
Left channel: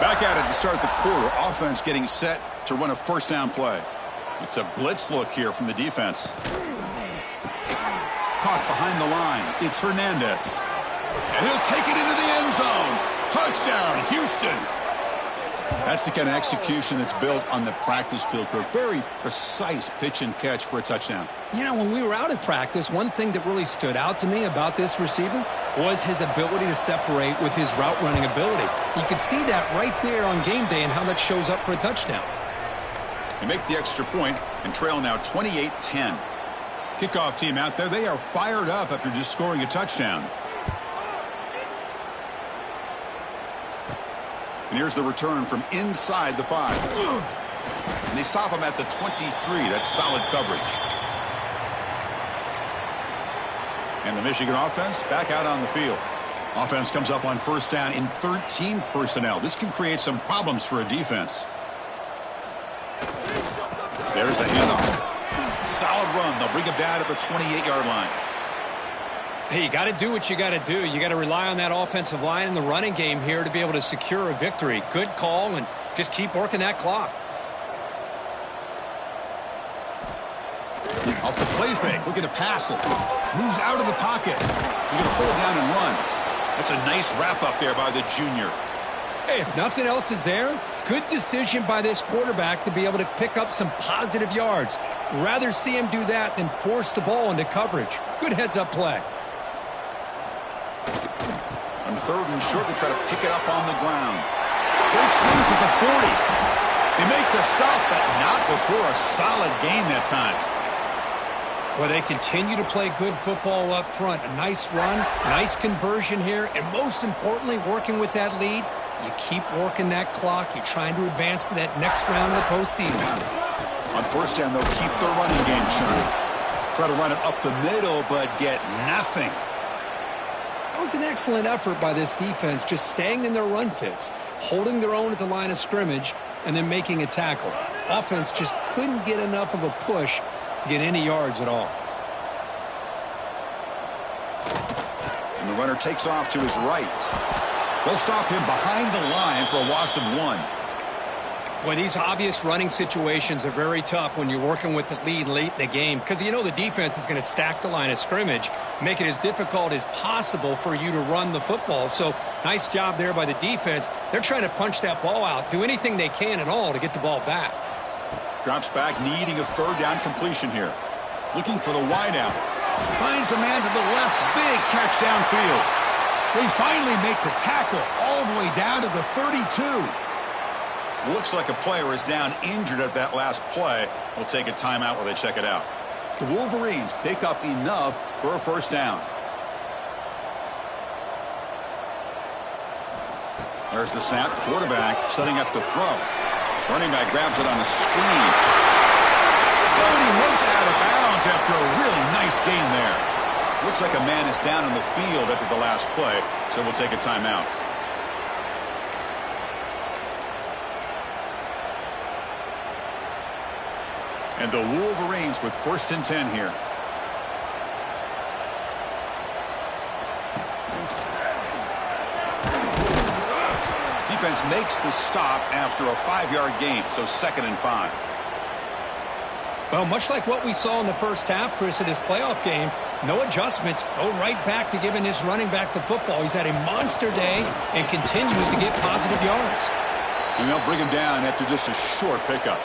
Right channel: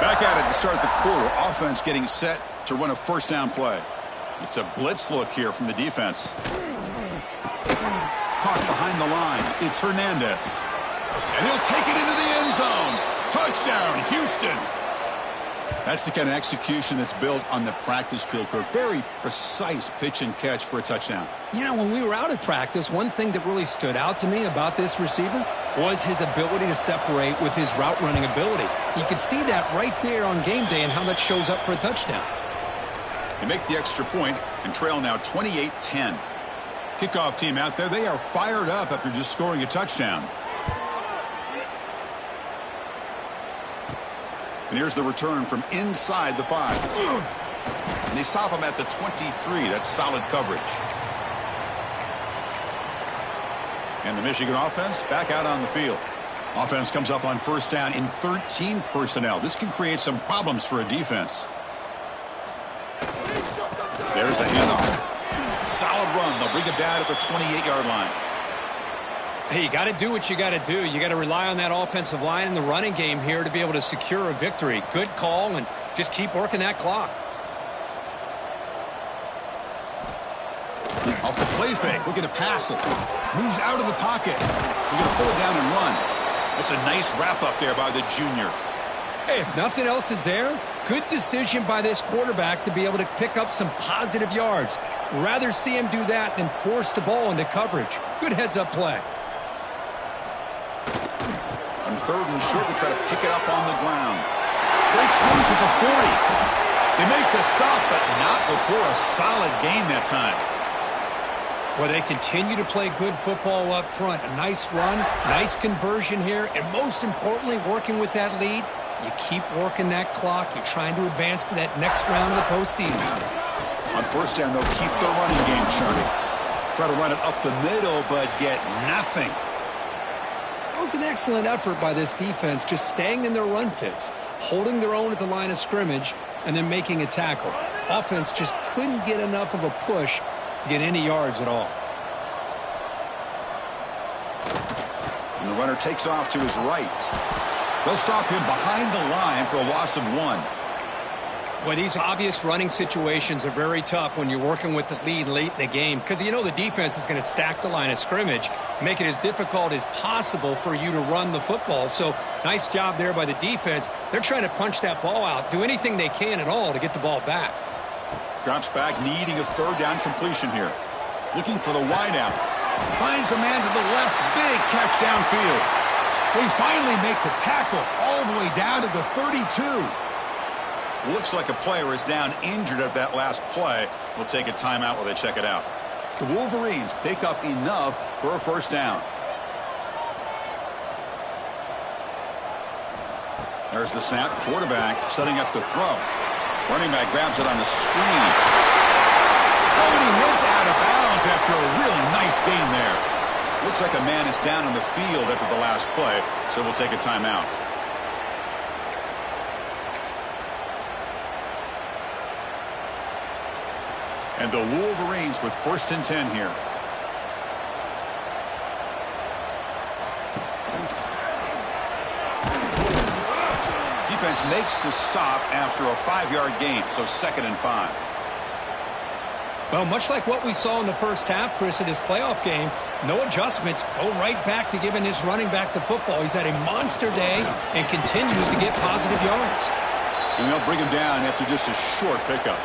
Back at it to start the quarter. Offense getting set to run a 1st down play. It's a blitz look here from the defense. Caught behind the line. It's Hernandez. And he'll take it into the end zone. Touchdown, Houston. That's the kind of execution that's built on the practice field for a very precise pitch and catch for a touchdown. You know, when we were out at practice, one thing that really stood out to me about this receiver was his ability to separate with his route running ability. You could see that right there on game day and how that shows up for a touchdown. They make the extra point and trail now 28-10. Kickoff team out there, they are fired up after just scoring a touchdown. And here's the return from inside the 5. And they stop him at the 23. That's solid coverage. And the Michigan offense back out on the field. Offense comes up on 1st down in 13 personnel. This can create some problems for a defense. There's the handoff. Solid run. They'll bring it down at the 28-yard line. Hey, you got to do what you got to do. You got to rely on that offensive line in the running game here to be able to secure a victory. Good call, and just keep working that clock. Off the play fake, looking to pass it. Moves out of the pocket. He's going to pull it down and run. That's a nice wrap up there by the junior. Hey, if nothing else is there, good decision by this quarterback to be able to pick up some positive yards. Rather see him do that than force the ball into coverage. Good heads-up play. On 3rd and short, they try to pick it up on the ground. Breaks loose at the 40. They make the stop, but not before a solid gain that time. Well, they continue to play good football up front. A nice run, nice conversion here, and most importantly, working with that lead, you keep working that clock. You're trying to advance to that next round of the postseason. On 1st down, they'll keep their running game churning. Try to run it up the middle, but get nothing. That was an excellent effort by this defense, just staying in their run fits, holding their own at the line of scrimmage, and then making a tackle. Offense just couldn't get enough of a push to get any yards at all. And the runner takes off to his right. They'll stop him behind the line for a loss of 1. Boy, these obvious running situations are very tough when you're working with the lead late in the game because you know the defense is going to stack the line of scrimmage, make it as difficult as possible for you to run the football. So nice job there by the defense. They're trying to punch that ball out, do anything they can at all to get the ball back. Drops back, needing a 3rd down completion here. Looking for the wideout. Finds a man to the left. Big catch downfield. They finally make the tackle all the way down to the 32. Looks like a player is down injured at that last play. We'll take a timeout while they check it out. The Wolverines pick up enough for a 1st down. There's the snap. Quarterback setting up to throw. Running back grabs it on a screen. Oh, and he heads out of bounds after a really nice gain there. Looks like a man is down on the field after the last play, so we'll take a timeout. And the Wolverines with 1st and 10 here. Defense makes the stop after a 5-yard gain, so 2nd and 5. Well, much like what we saw in the first half, Chris, of this playoff game, no adjustments. Go right back to giving this running back the football. He's had a monster day and continues to get positive yards. And they'll bring him down after just a short pickup.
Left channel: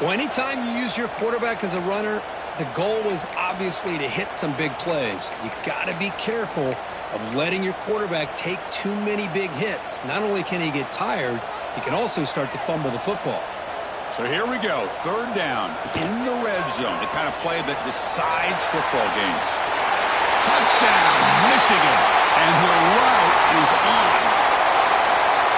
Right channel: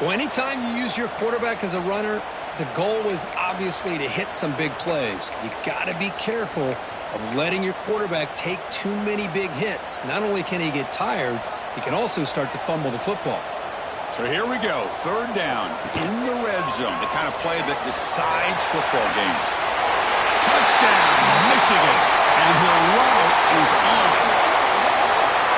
Well, anytime you use your quarterback as a runner, the goal is obviously to hit some big plays. You got to be careful of letting your quarterback take too many big hits. Not only can he get tired, he can also start to fumble the football. So here we go, 3rd down in the red zone, the kind of play that decides football games. Touchdown, Michigan, and the route is on.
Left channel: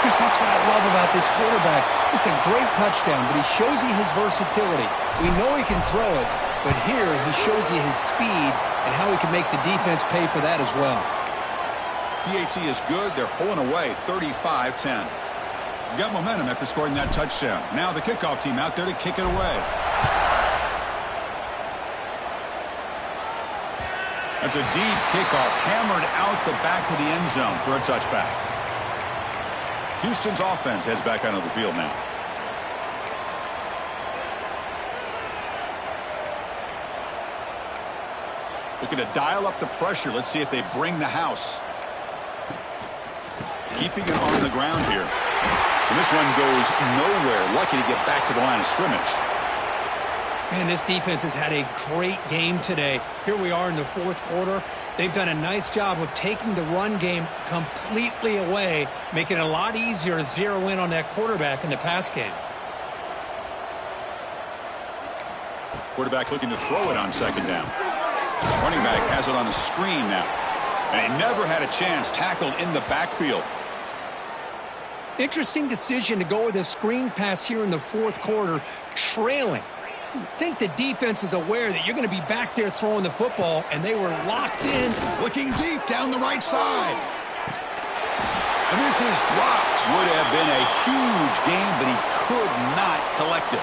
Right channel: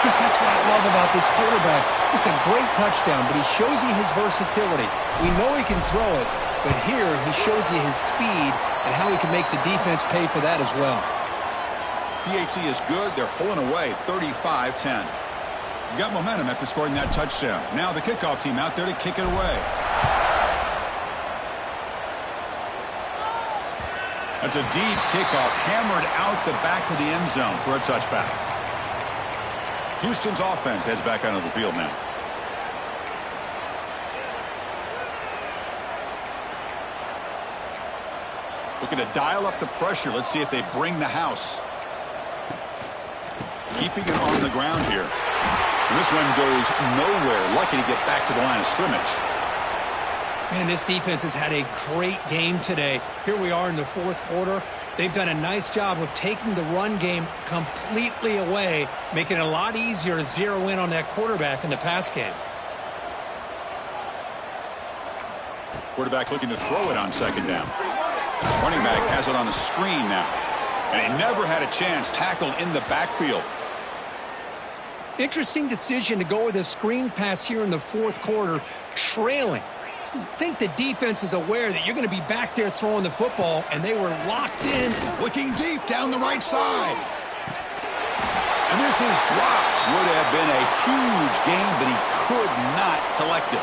Chris, that's what I love about this quarterback. It's a great touchdown, but he shows you his versatility. We know he can throw it, but here he shows you his speed and how he can make the defense pay for that as well. PAT is good. They're pulling away 35-10. Got momentum after scoring that touchdown. Now the kickoff team out there to kick it away. That's a deep kickoff hammered out the back of the end zone for a touchback. Houston's offense heads back onto the field now. Looking to dial up the pressure. Let's see if they bring the house. Keeping it on the ground here. And this one goes nowhere. Lucky to get back to the line of scrimmage. Man, this defense has had a great game today. Here we are in the 4th quarter. They've done a nice job of taking the run game completely away, making it a lot easier to zero in on that quarterback in the pass game. Quarterback looking to throw it on 2nd down. Running back has it on a screen now. And he never had a chance, tackled in the backfield. Interesting decision to go with a screen pass here in the 4th quarter, trailing. You think the defense is aware that you're going to be back there throwing the football, and they were locked in. Looking deep down the right side. And this is dropped. Would have been a huge game, but he could not collect it.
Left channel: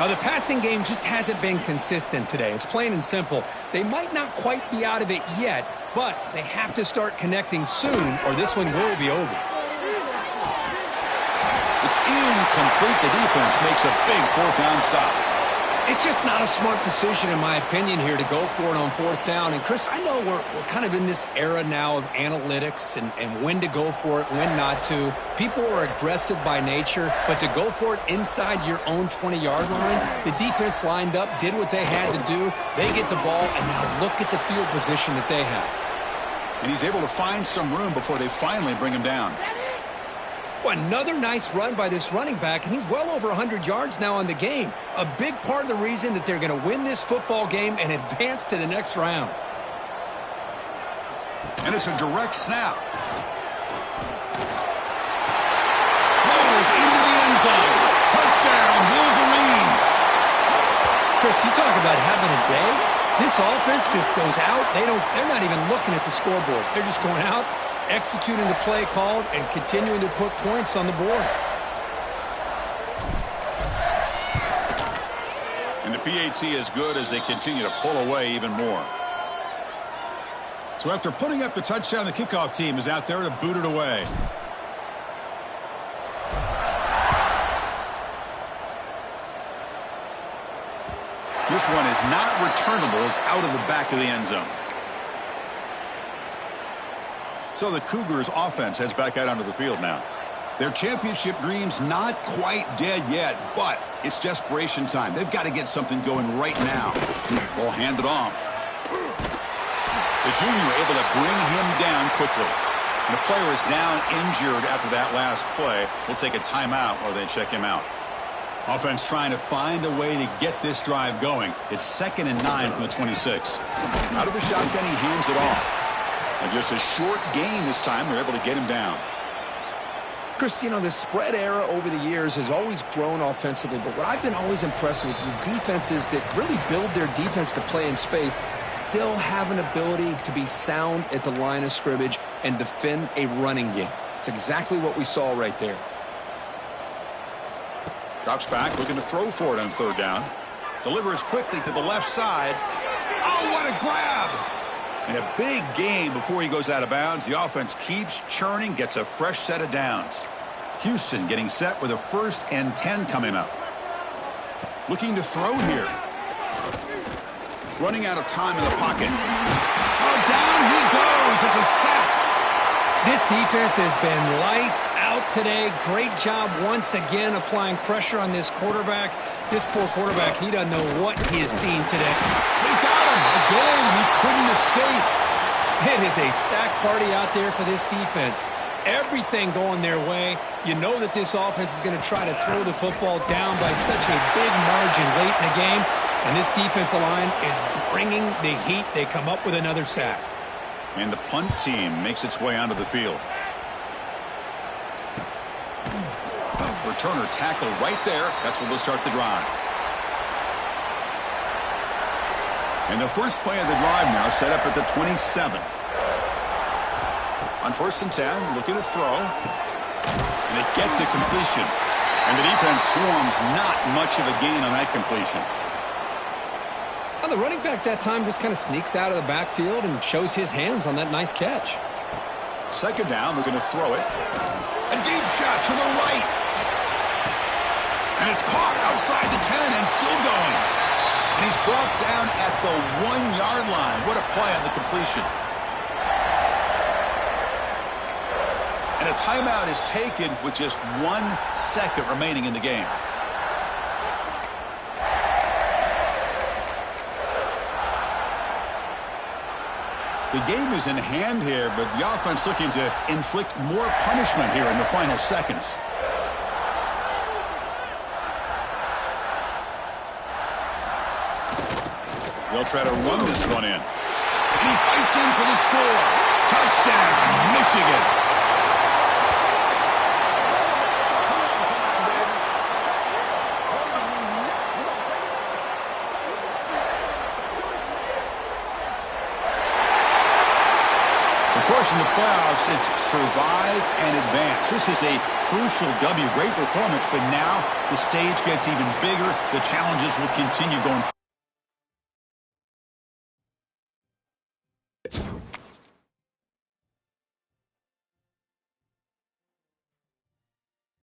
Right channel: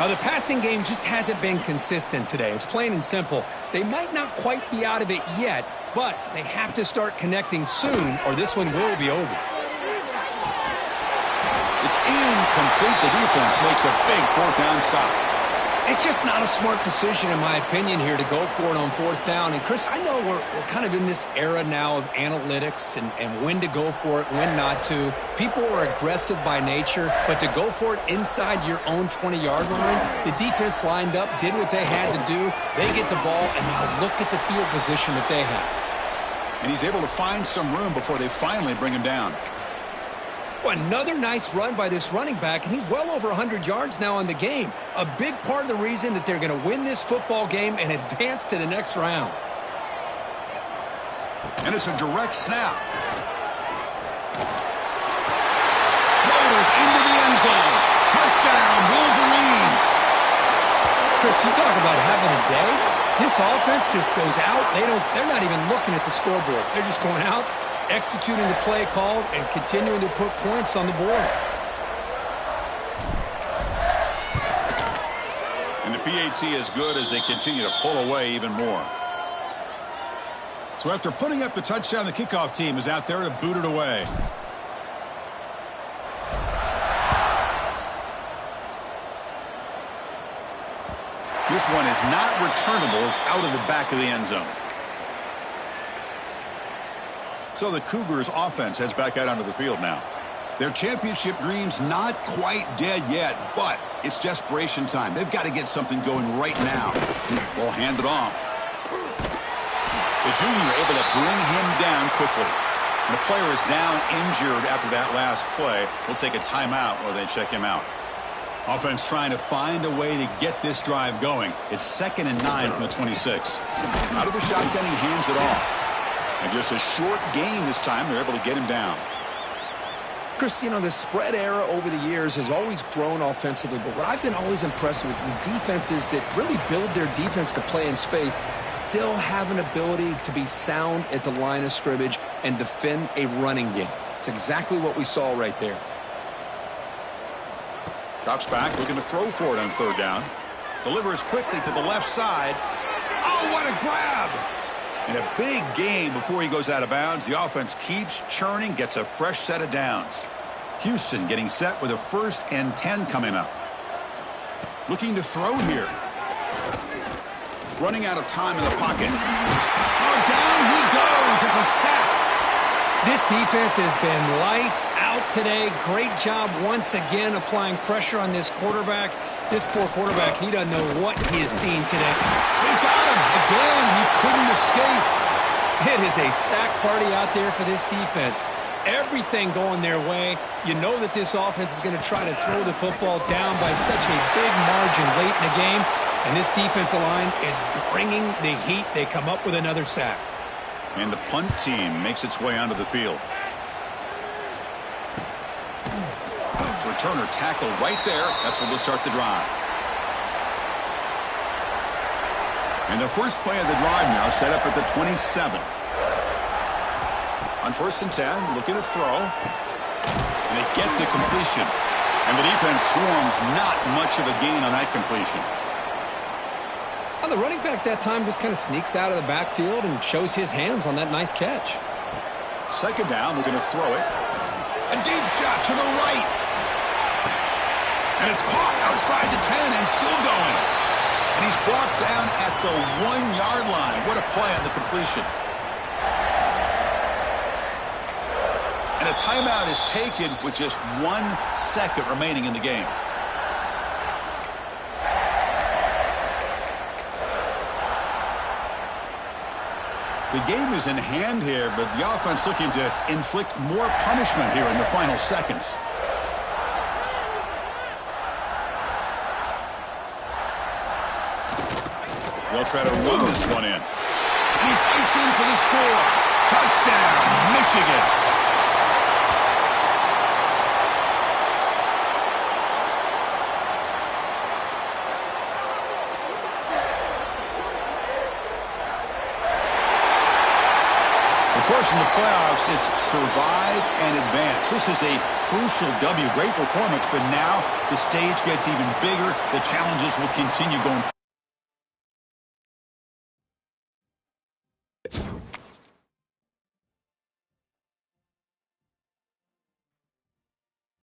Now, the passing game just hasn't been consistent today. It's plain and simple. They might not quite be out of it yet, but they have to start connecting soon, or this one will be over. It's incomplete. The defense makes a big 4th down stop. It's just not a smart decision, in my opinion, here to go for it on 4th down. And, Chris, I know we're kind of in this era now of analytics and when to go for it, when not to. People are aggressive by nature, but to go for it inside your own 20-yard line, the defense lined up, did what they had to do. They get the ball, and now look at the field position that they have. And he's able to find some room before they finally bring him down. Well, another nice run by this running back, and he's well over 100 yards now in the game. A big part of the reason that they're going to win this football game and advance to the next round. And it's a direct snap. Motors into the end zone. Touchdown, Wolverines. Chris, you talk about having a day. This offense just goes out. They're not even looking at the scoreboard. They're just going out, executing the play called, and continuing to put points on the board. And the PAT is good as they continue to pull away even more. So after putting up the touchdown, the kickoff team is out there to boot it away. This one is not returnable. It's out of the back of the end zone. So the Cougars offense heads back out onto the field now. Their championship dreams not quite dead yet, but it's desperation time. They've got to get something going right now. Ball handed off. The junior able to bring him down quickly. And the player is down injured after that last play. We'll take a timeout while they check him out. Offense trying to find a way to get this drive going. It's 2nd and 9 from the 26. Out of the shotgun, he hands it off. And just a short gain this time, they're able to get him down. Chris, you know, the spread era over the years has always grown offensively, but what I've been always impressed with defenses that really build their defense to play in space still have an ability to be sound at the line of scrimmage and defend a running game. It's exactly what we saw right there. Drops back, looking to throw for it on third down. Delivers quickly to the left side. Oh, what a grab! And a big gain before he goes out of bounds. The offense keeps churning, gets a fresh set of downs. Houston getting set with a 1st and 10 coming up. Looking to throw here. Running out of time in the pocket. Oh, down he goes. It's a sack. This defense has been lights out today. Great job once again applying pressure on this quarterback. This poor quarterback, he doesn't know what he has seen today. They got him. Again, he couldn't escape. It is a sack party out there for this defense. Everything going their way. You know that this offense is going to try to throw the football down by such a big margin late in the game. And this defensive line is bringing the heat. They come up with another sack. And the punt team makes its way onto the field. Returner tackle right there. That's what will start the drive. And the first play of the drive now set up at the 27. On 1st and 10, looking to throw. And they get the completion. And the defense swarms, not much of a gain on that completion. Well, the running back that time just kind of sneaks out of the backfield and shows his hands on that nice catch. 2nd down, we're going to throw it. A deep shot to the right. And it's caught outside the 10 and still going. And he's brought down at the 1-yard line. What a play on the completion. And a timeout is taken with just 1 second remaining in the game. The game is in hand here, but the offense looking to inflict more punishment here in the final seconds. They'll try to run this one in. And he fights in for the score. Touchdown, Michigan. Of course, in the playoffs, it's survive and advance. This is a crucial W. Great performance, but now the stage gets even bigger. The challenges will continue going forward.